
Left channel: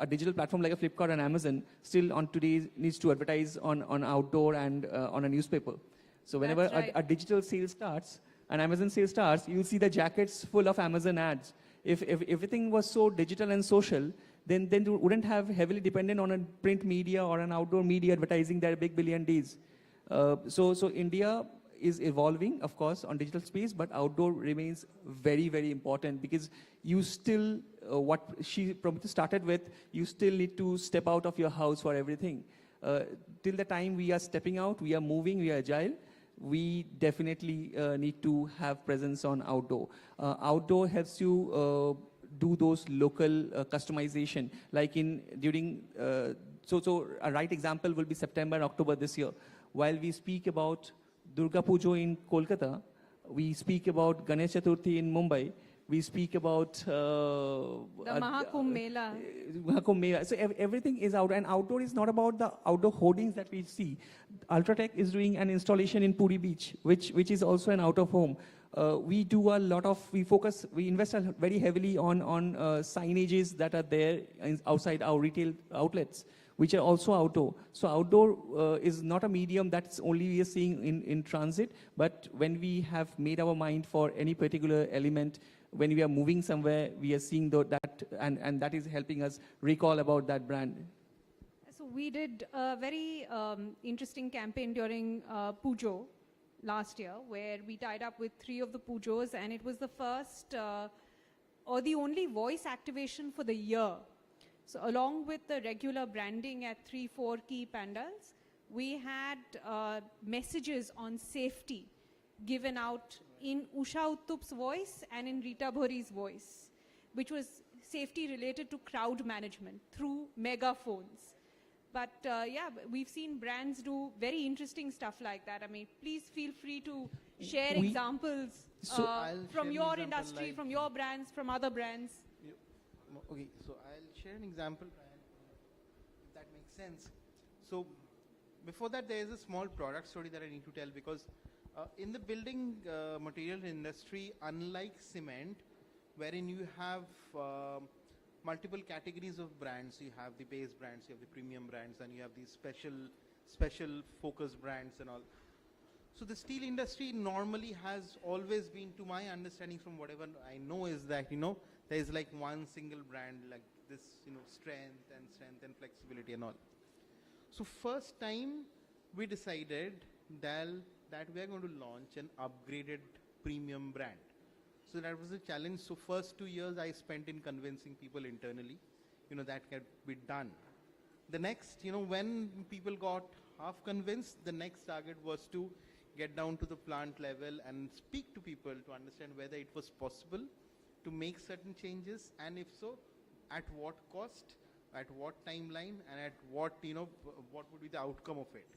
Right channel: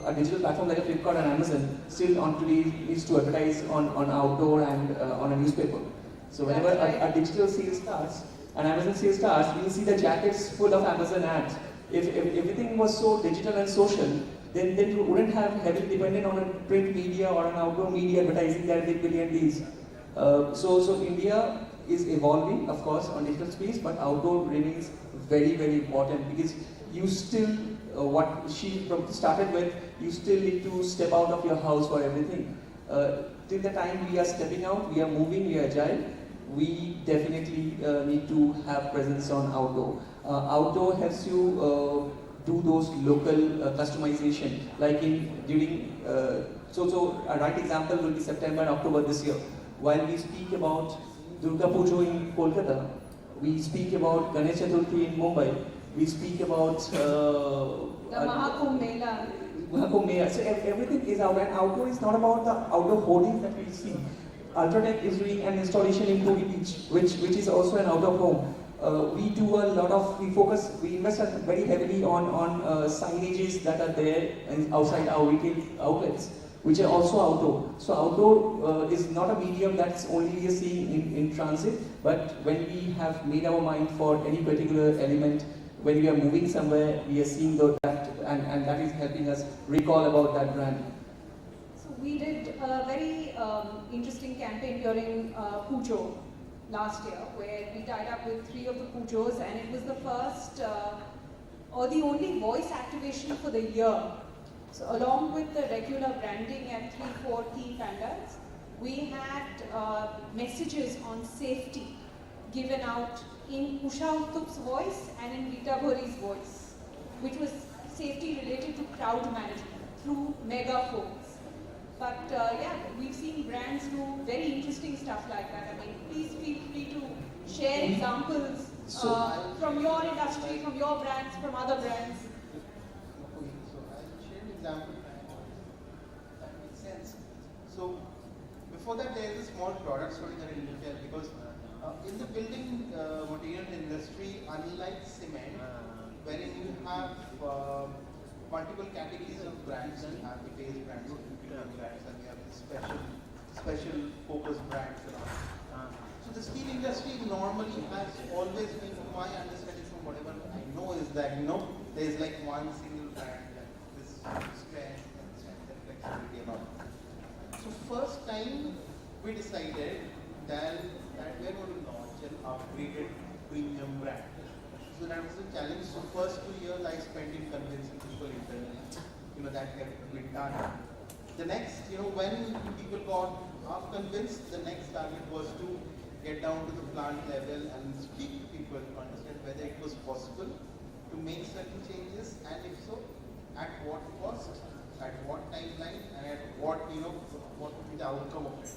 a digital platform like Flipkart and Amazon, still on today needs to advertise on outdoor and on a newspaper. So whenever a digital sale starts, and Amazon sales starts, you see the jackets full of Amazon ads. If everything was so digital and social, then you wouldn't have heavily dependent on a print media or an outdoor media advertising that they billion days. So India is evolving, of course, on digital space, but outdoor remains very, very important because you still, what she probably started with, you still need to step out of your house for everything. Till the time we are stepping out, we are moving, we are agile, we definitely need to have presence on outdoor. Outdoor helps you do those local customization, like during, so a right example will be September, October this year. While we speak about Durga Puja in Kolkata, we speak about Ganesh Chaturthi in Mumbai, we speak about the Mahakumbh Mela. So everything is out, and outdoor is not about the outdoor hoardings that we've seen. UltraTech is doing an installation in Puri Beach, which is also an outdoor home. We do a lot of, we invest very heavily on signages that are there outside our retail outlets, which are also outdoor. So outdoor is not a medium that's only seen in transit, but when we have made our mind for any particular element, when we are moving somewhere, we are seeing that, and that is helping us recall about that brand. So we did a very interesting campaign during Pujo last year, where we tied up with 3 of the Pujos, and it was the first or the only voice activation for the year. So along with the regular branding and 3-4 key panels, we had messages on safety given out in Usha Uttuk's voice and in Rita Ghori's voice, which was safety related to crowd management through megaphones. But yeah, we've seen brands do very interesting stuff like that. I mean, please feel free to share examples from your industry, from your brands, from other brands. So before that, there is a small product story that I need to tell, because in the building material industry, unlike cement, wherein you have multiple categories of brands, you have the base brands, so premium brands, and you have the special focus brands. So the steel industry normally has always been, from my understanding, from whatever I know, is that there is like one single brand that is strength and flexibility and all. So first time we decided that we're going to launch an upgraded premium brand. So that was the challenge. So first 2 years I spent in convincing people internally, that had been done. The next, when people got half convinced, the next target was to get down to the plant level and speak to people to understand whether it was possible to make certain changes, and if so, at what cost, at what timeline, and at what would be the outcome of it.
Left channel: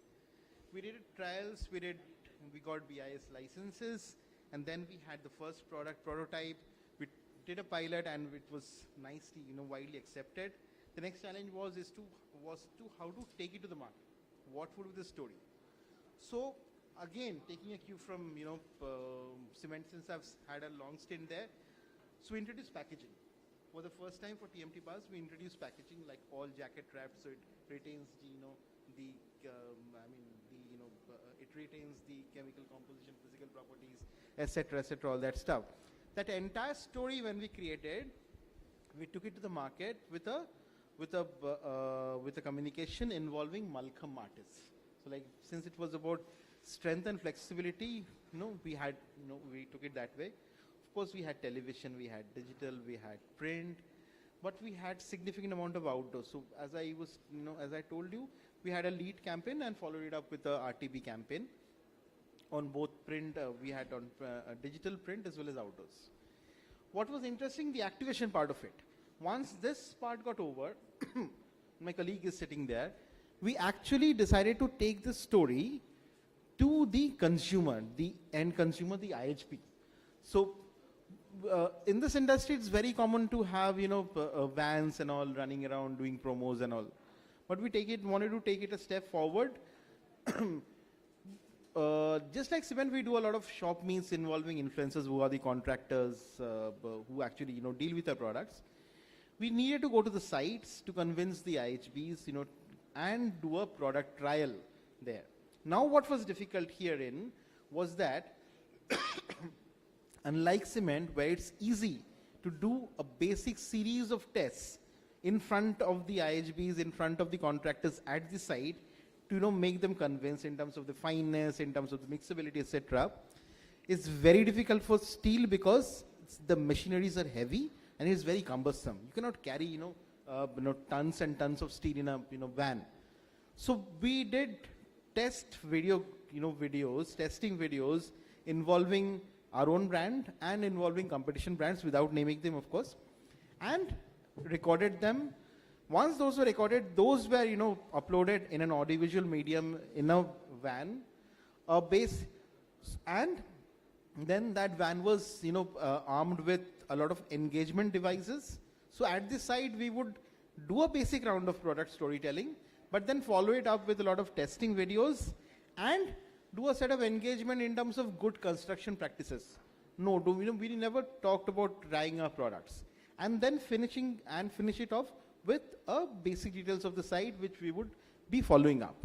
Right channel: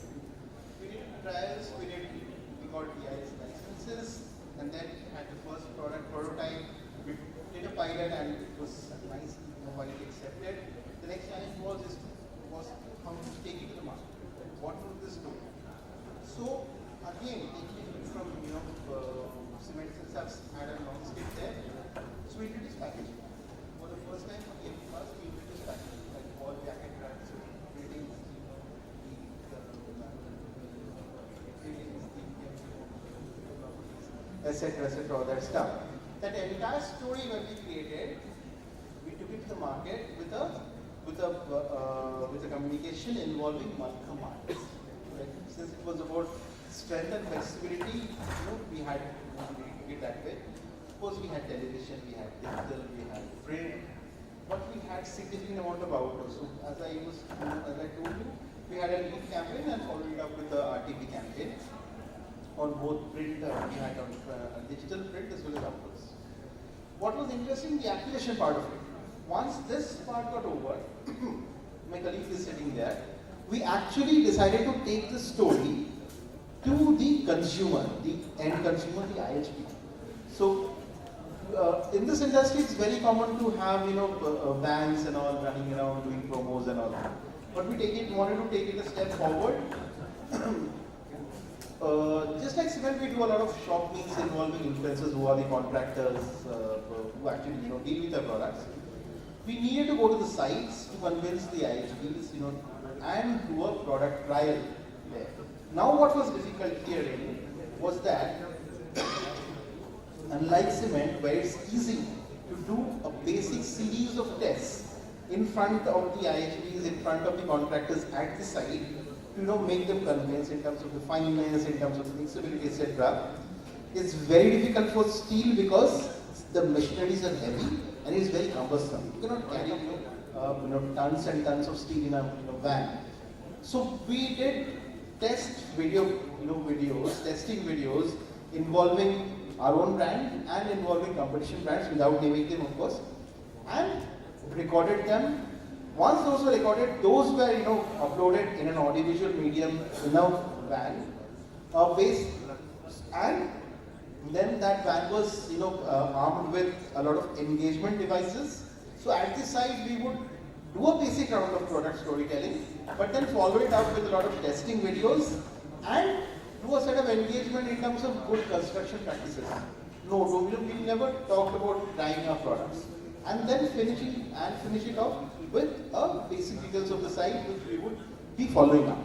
We did trials, we got BIS licenses, and then had the first product prototype. We did a pilot, and it was nice, widely accepted. The next challenge was how to take it to the market. What was the story? So again, from cement systems, I had a long stay there. So we introduced packaging. For the first time, we introduced packaging, like wall jacket wraps, etc., all that stuff. That entire story when we created, we took it to the market with a communication involving multiple markets. Like, since it was about strength and flexibility, we had it that way. Of course, we had television, we had digital, we had print, but we had significant amount of outdoor. So as I told you, we had a lead campaign and followed it up with the RTV campaign. On both print, we had on digital print as well as outdoors. What was interesting, the activation part of it. Once this part got over, my colleague is sitting there, we actually decided to take the story to the consumer, the end consumer, the IHP. So in this industry, it's very common to have vans and all running around doing promos and all. But we wanted to take it a step forward. Just like cement, we do a lot of shop meets involving influencers who are the contractors who actually deal with the products. We needed to go to the sites to convince the IHPs, and do a product trial there. Now, what was difficult here was that it's easy to do a basic series of tests in front of the IHPs, in front of the contractors at the site, to make them convinced in terms of the fineness, in terms of flexibility, etc. It's very difficult for steel because the machineries are heavy and it's very cumbersome. You cannot carry tons and tons of steel in a van. So we did testing videos involving our own brand and involving competition brands without naming them, of course, and recorded them. Once those were recorded, those were uploaded in an audiovisual medium in a van, base, and then that van was armed with a lot of engagement devices. So at this site we would do a basic round of product storytelling, but then follow it up with a lot of testing videos and do a set of engagement in terms of good construction practices. No, we never talked about trying our products. And then finish it off with a basic details of the site which we would be following up.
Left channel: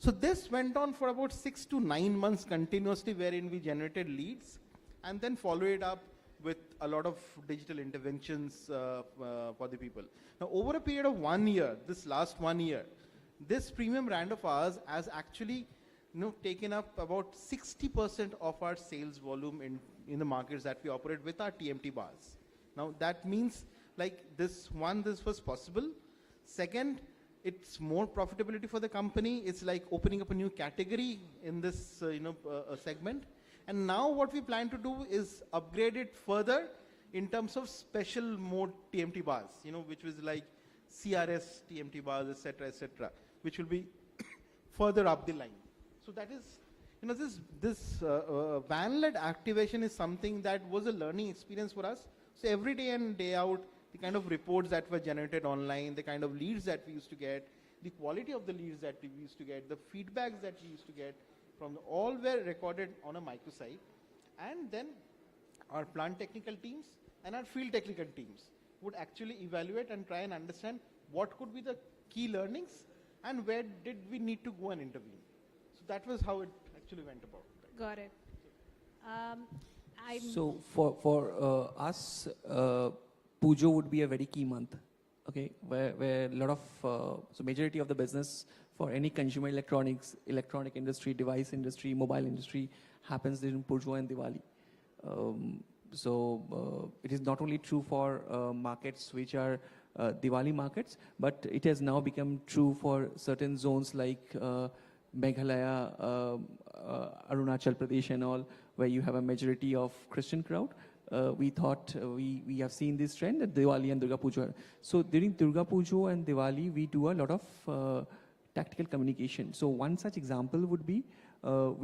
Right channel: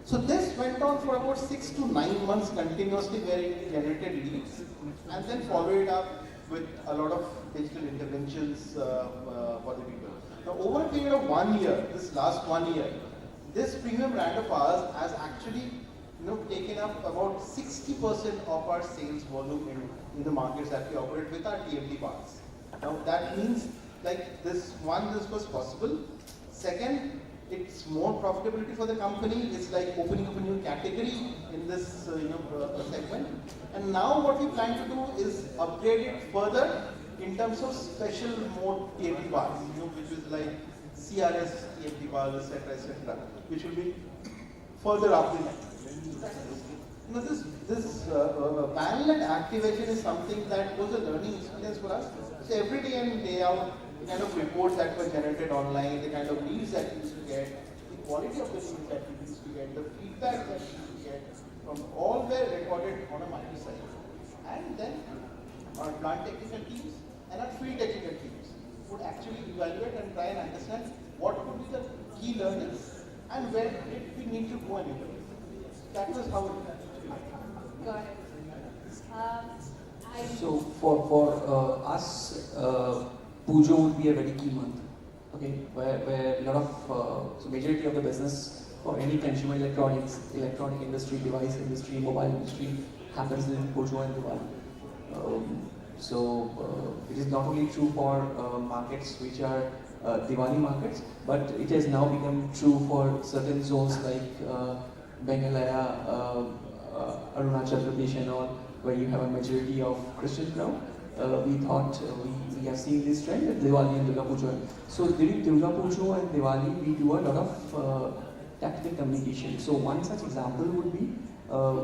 So this went on for about 6 to 9 months continuously, where we generated leads and then followed it up with a lot of digital interventions for the people. Now, over a period of 1 year, this last 1 year, this premium brand of ours has actually taken up about 60% of our sales volume in the markets that we operate with our TMT parts. Now that means this was possible. Second, it's more profitability for the company. It's like opening up a new category in this segment. And now what we plan to do is upgrade it further in terms of special mode TMT parts, which is like CRS TMT bars, etc., which will be further up. This parallel activation is something that was a learning experience for us. So every day in, day out, the kind of reports that were generated online, the kind of leads that we used to get, the quality of the leads that we used to get, the feedback that we used to get, from all were recorded on a microsite. And then our plant technical teams and our field technical teams would actually evaluate and try and understand what would be the key learnings and where did we need to go and improve. That was how it Got it. So for us, Pujo would be a very key month, okay, where a lot of, so majority of the business for any consumer electronics, electronic industry, device industry, mobile industry happens in Pujo and Diwali. It is not only true for markets which are Diwali markets, but it has now become true for certain zones like Meghalaya, Arunachal Pradesh and all, where you have a majority of Christian crowd. We thought we have seen this trend at Diwali and Durga Puja. So during Durga Puja and Diwali, we do a lot of tactile communication. So one such example would be,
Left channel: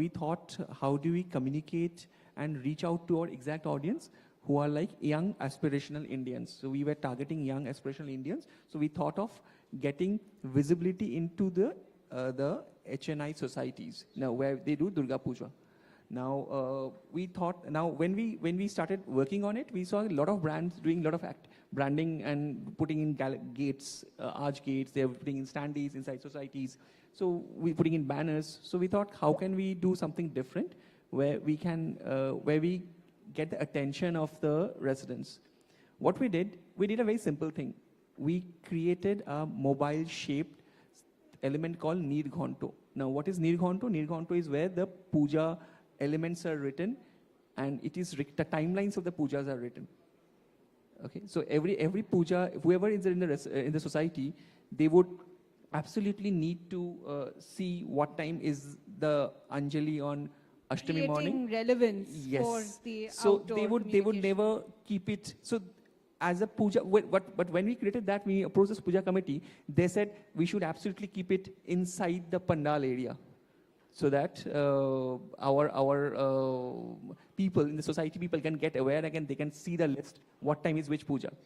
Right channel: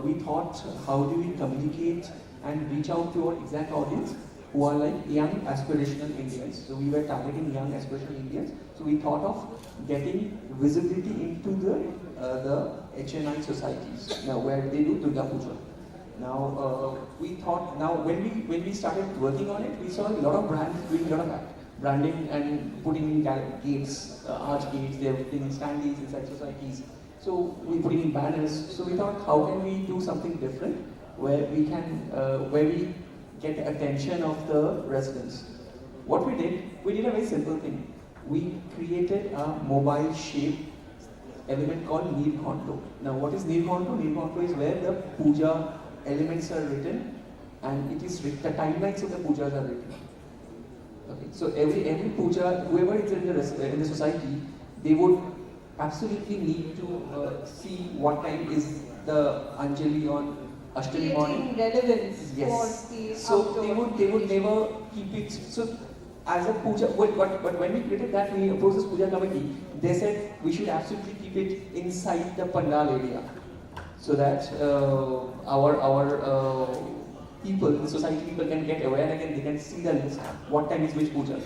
we thought, how do we communicate and reach out to our exact audience who are like young aspirational Indians. So we were targeting young aspirational Indians. So we thought of getting visibility into the HNI societies, where they do Durga Puja. Now we thought, when we started working on it, we saw a lot of brands doing a lot of branding and putting gates, arch gates, they were putting standees inside societies. So we put in banners. So we thought, how can we do something different where we can, where we get attention of the residents? What we did a very simple thing. We created a mobile shape element called Neil Contour. Now what is Neil Contour? Neil Contour is where the puja elements are written and it is the timelines of the pujas are written. Okay. So every puja, whoever is in the society, they would absolutely need to see what time is the Anjali or Ashtami morning. Relevance. Yes. For the so they would never keep it. So as a puja, but when we created that, we approached the puja committee. They said we should absolutely keep it inside the pandal area, so that our people, the society people can get aware and they can see the list, what time is which puja.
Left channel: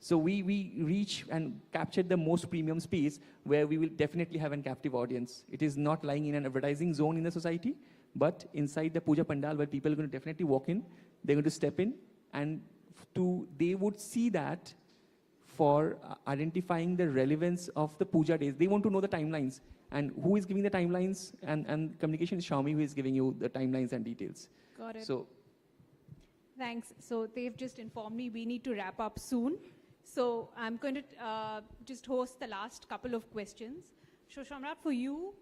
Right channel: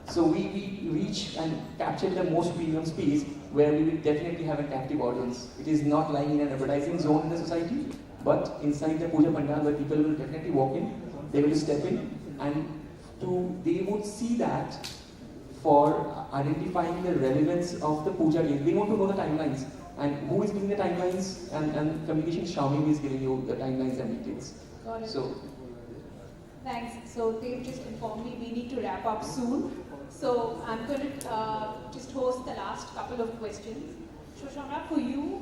So we reach and capture the most premium space where we will definitely have a captive audience. It is not like in an advertising zone in the society, but inside the puja pandal where people will definitely walk in, they will step in, and they would see that for identifying the relevance of the puja day. They want to know the timelines. And who is giving the timelines? And communication Xiaomi is giving you the timelines and details. Got it. So, thanks. So so they've just informed me we need to wrap up soon. So I'm going to just host the last couple of questions. Samrat, for you,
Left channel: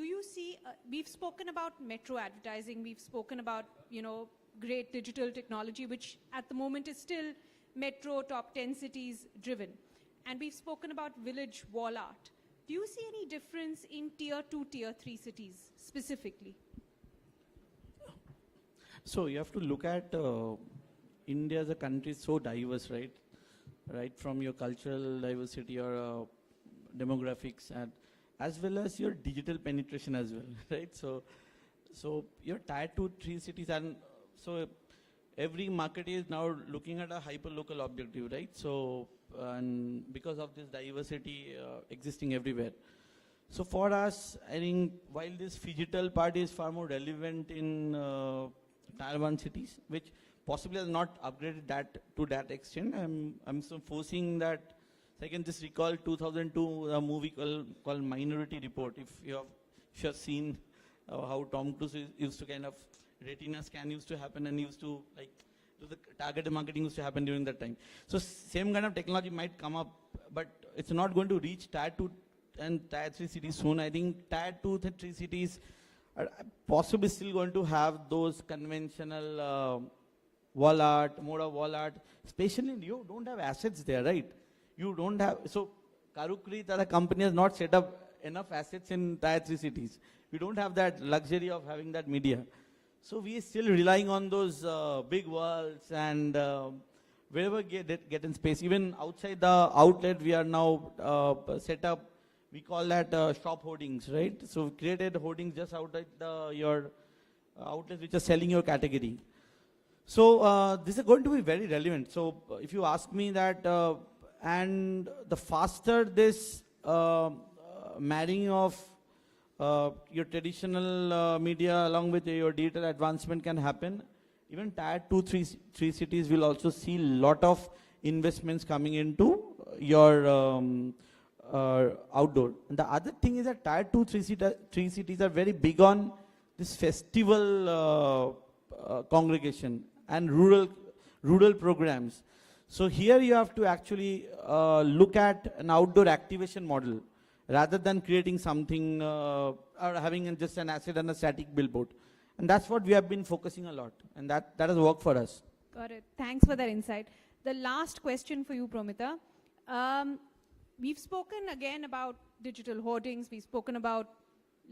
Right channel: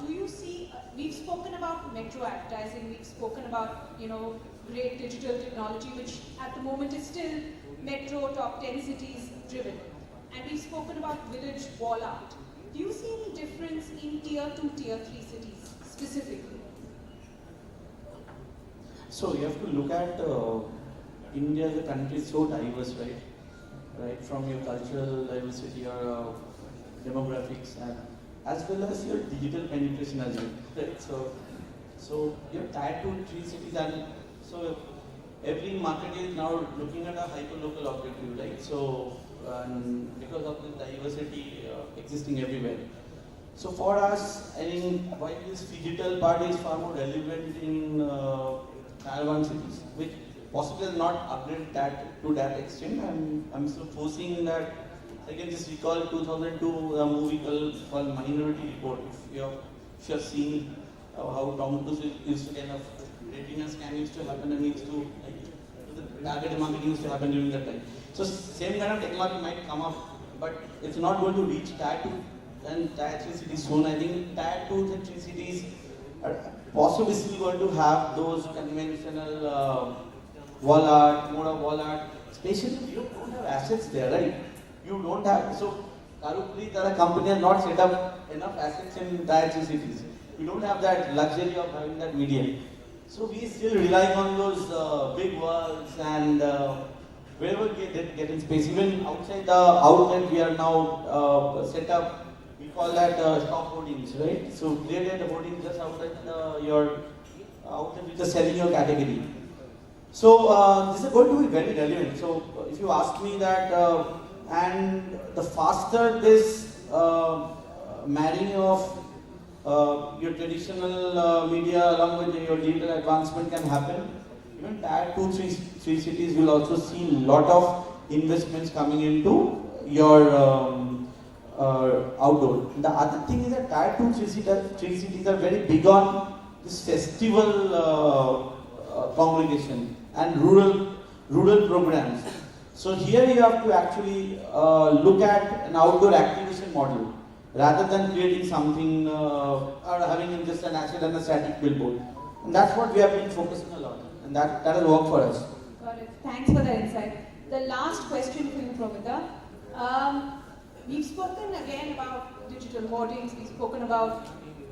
do you see, we've spoken about metro advertising, we've spoken about, great digital technology, which at the moment is still metro top 10 cities driven. And we've spoken about village wall art. Do you see any difference in tier 2, tier 3 cities specifically? So you have to look at India, the country is so diverse, right? From your cultural diversity, your demographics, and as well as your digital penetration as well, right? So your tier 2, 3 cities, and so every market is now looking at a hyperlocal objective, right? So because of the diversity existing everywhere. So for us, I mean, why this digital part is far more relevant in Taiwan cities, which possibly is not upgraded that to that extent. I'm still foreseeing that, like in this recall 2002 movie called Minority Report, if you have seen how Tom Cruise used kind of retina scan used to happen and used to targeted marketing used to happen during that time. So same kind of technology might come up, but it's not going to reach tier 2 and tier 3 cities soon. I think tier 2 and 3 cities are possibly still going to have those conventional wall art, especially you don't have assets there, right? You don't have, so Karukrit as a company has not set up enough assets in tier 3 cities. You don't have that luxury of having that medium. So we still rely on those big walls and wherever we get in space, even outside the outlet we are now set up, we call that shop hoardings, right? So clearly the hoarding just outside your outlet which is selling your category. So this is going to be very relevant. So if you ask me that, and the faster this marrying of your traditional media along with your digital advancement can happen, even tier 2, 3 cities will also see a lot of investments coming into your outdoor. The other thing is that tier 2, 3 cities are very big on this festival congregation and rural programs. So here you have to actually look at an outdoor activation model rather than creating something or having just an asset and a static billboard. And that's what we have been focusing on, and that has worked for us. Thanks for that insight. The last question for you, Promita. We've spoken again about digital hoardings, we've spoken about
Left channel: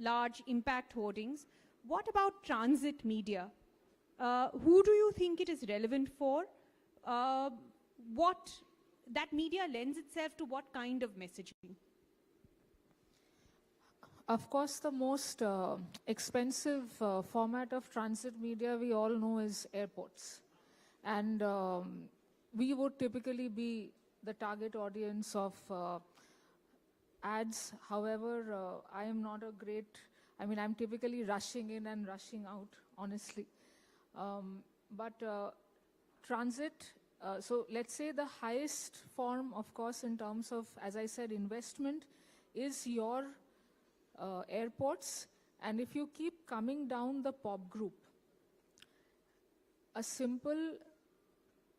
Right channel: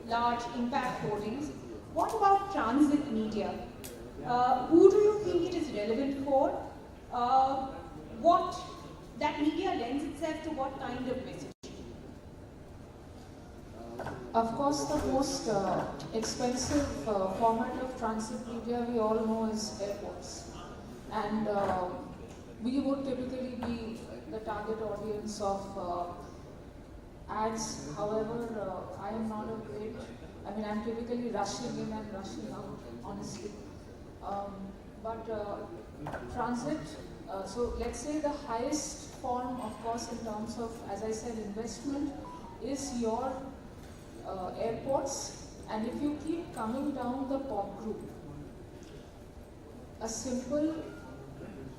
large impact hoardings. What about transit media? Who do you think it is relevant for? What that media lends itself to what kind of message? Of course, the most expensive format of transit media we all know is airports. And we would typically be the target audience of ads. However, I'm not a great, I'm typically rushing in and rushing out, honestly. But transit, so let's say the highest form, of course, in terms of, as I said, investment is your airports, and if you keep coming down the pop group, a simple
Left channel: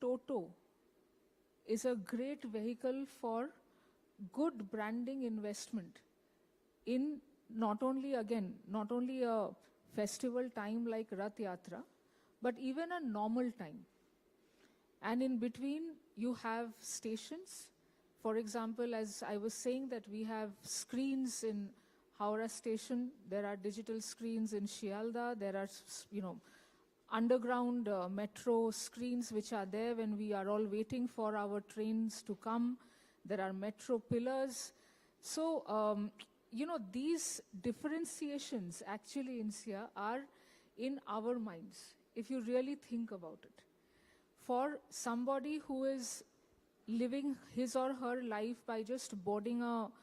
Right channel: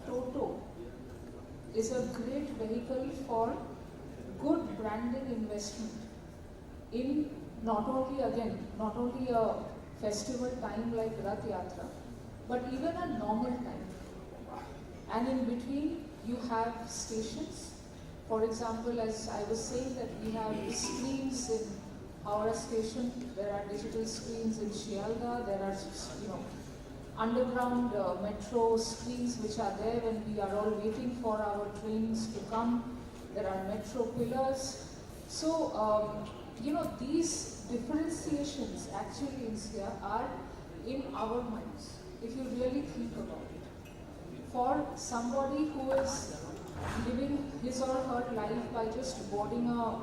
Toto is a great vehicle for good branding investment in not only a festival time like Rath Yatra, but even a normal time. And in between, you have stations. For example, as I was saying, that we have screens in Howrah station, there are digital screens in Chawala, there are underground metro screens which are there when we are all waiting for our trains to come. There are metro pillars. So, these differentiations actually in Insiyah are in our minds, if you really think about it. For somebody who is living his or her life by just boarding a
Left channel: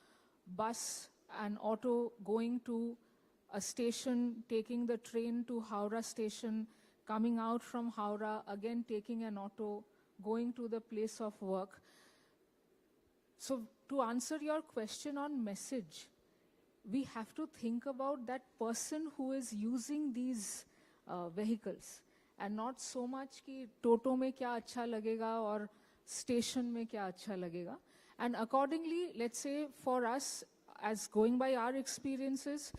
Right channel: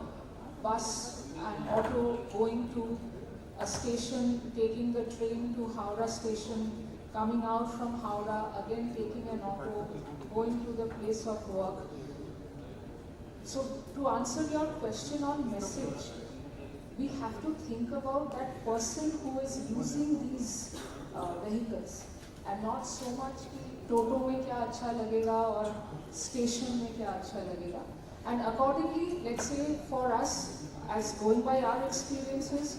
bus and auto, going to a station, taking the train to Howrah station, coming out from Howrah, again taking an auto, going to the place of work. So to answer your question on message, we have to think about that person who is using these vehicles and not so much the टोटो में क्या अच्छा लगेगा और station में क्या अच्छा लगेगा. And accordingly, let's say for us, as going by our experiences,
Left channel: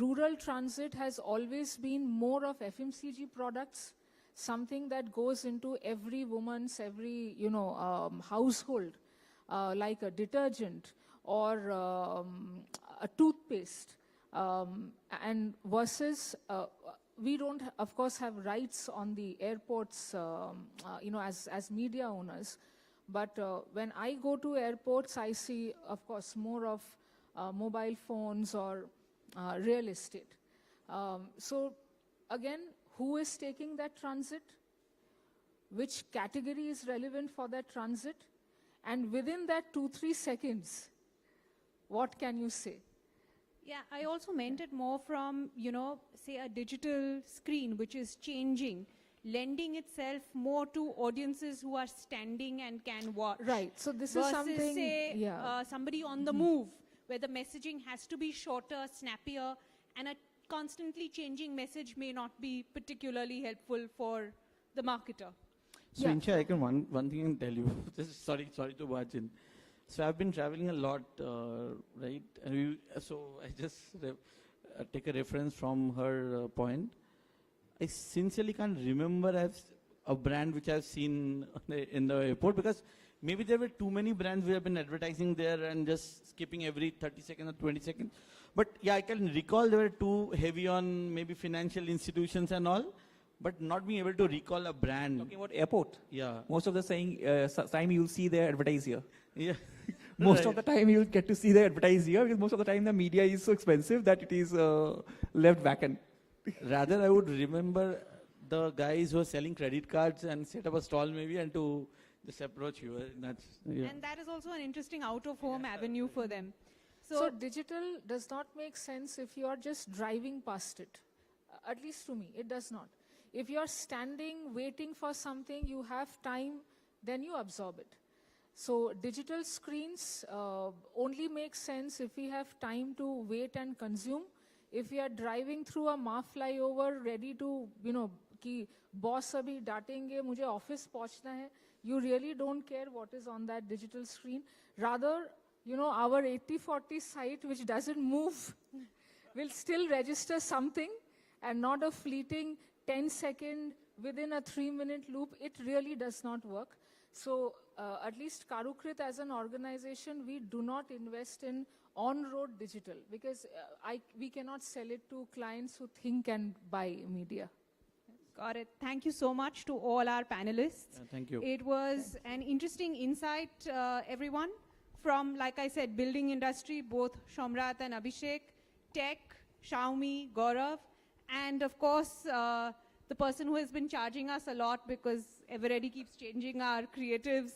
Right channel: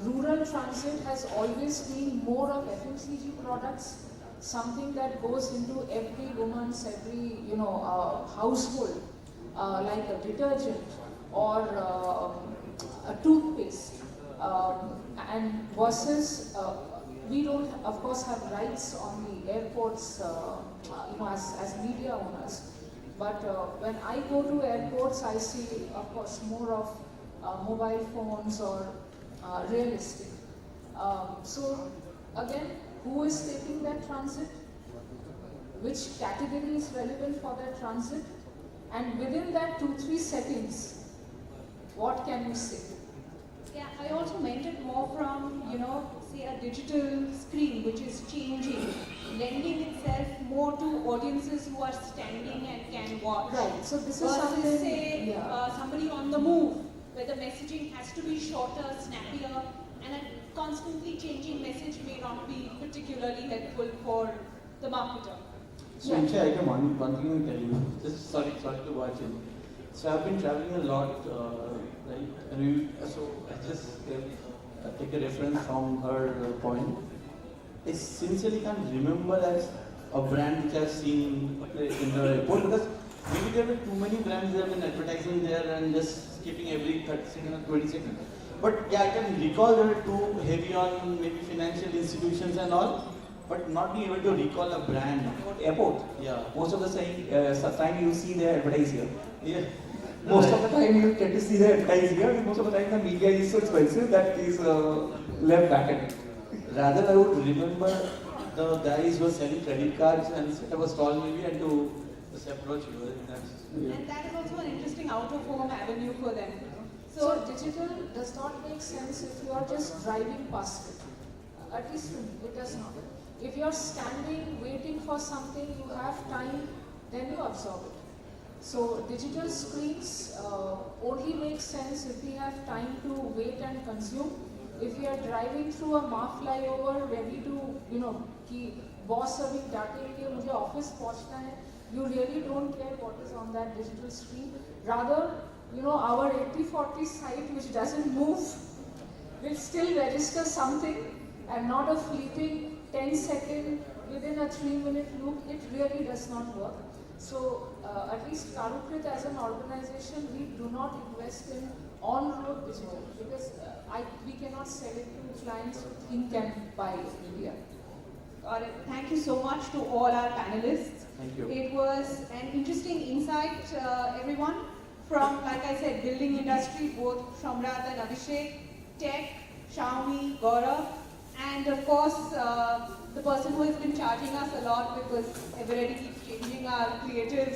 rural transit has always been more of FMCG products, something that goes into every woman's every household, like a detergent or a toothpaste, and versus we don't of course have rights on the airports, as media owners. But when I go to airports, I see, of course, more of mobile phones or real estate. So again, who is taking that transit? Which category is relevant for that transit? And within that 2-3 seconds, what can you say? Yeah, I also meant it more from, say a digital screen which is changing, lending itself more to audiences who are standing and can watch. Right. So this is versus something, say somebody on the move, where the messaging has to be shorter, snappier, and a constantly changing message may not be particularly helpful for the marketer. So, Insiyah, I have one thing to tell you. Just sorry to watch you. So, I've been traveling a lot, so I just take a reference from her point. I sincerely can't remember as a brand which I've seen in the airport, because maybe there are too many brands that have been advertising there and just skipping every 30 seconds or 20 seconds. But yeah, I can recall they were too heavy on maybe financial institutions and all, but not be able to recall a brand. Airport. Yeah. Most of the time you see they advertise here. Yeah. Most of the time you get to see they advertise here. Most of the time the media is so expensive that is left back end. Rather, I would remember the guys who were selling credit cards and set up a stall maybe and to just approach you. And that's also an interesting out-of-home avenue for them. So digital does not make sense if you are just driving past it. At least it does not. If you are standing, waiting for something, you have time, then you absorb it. So digital screens only make sense if we have time to wait and consume. If we are driving through a mark flyover, ready to, कि boss अभी डांटेंगे, मुझे office पहुंचना है, you really don't care what is on that digital screen. Rather, our 80-40 site which doesn't move will still register something, and not a fleeting 10-second within a 3-minute loop. It really does not work. So at least Karukrit as an organization, we do not invest in on-road digital, because we cannot sell it to clients who think and buy in India. Thank you so much to all our panelists. Thank you. It was an interesting insight, everyone, from, like I said, building industry, both Samrat and Abhishek, tech, Xiaomi, Gourav, and of course, the person who has been charging us a lot because Eveready changing our creatives.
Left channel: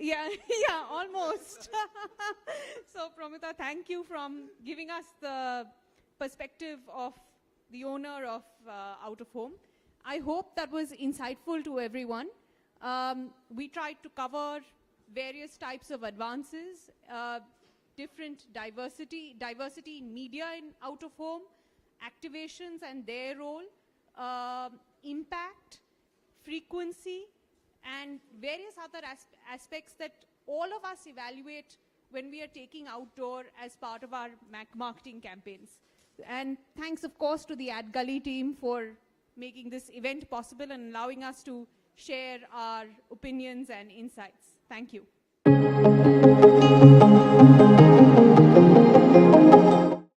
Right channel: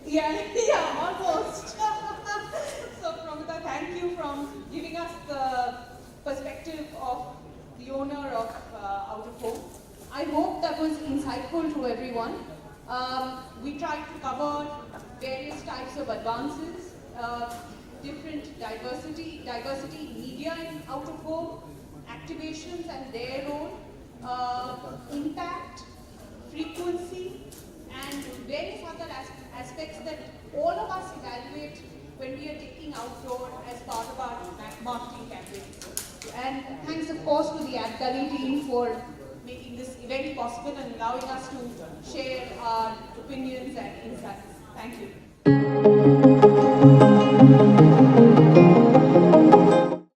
Yeah, almost. So, Promita, thank you from giving us the perspective of the owner of Out-of-Home. I hope that was insightful to everyone. We tried to cover various types of advances, different diversity in media in Out-of-Home, activations and their role, impact, frequency, and various other aspects that all of us evaluate when we are taking outdoor as part of our marketing campaigns. And thanks, of course, to the Adgully team for making this event possible and allowing us to share our opinions and insights. Thank you.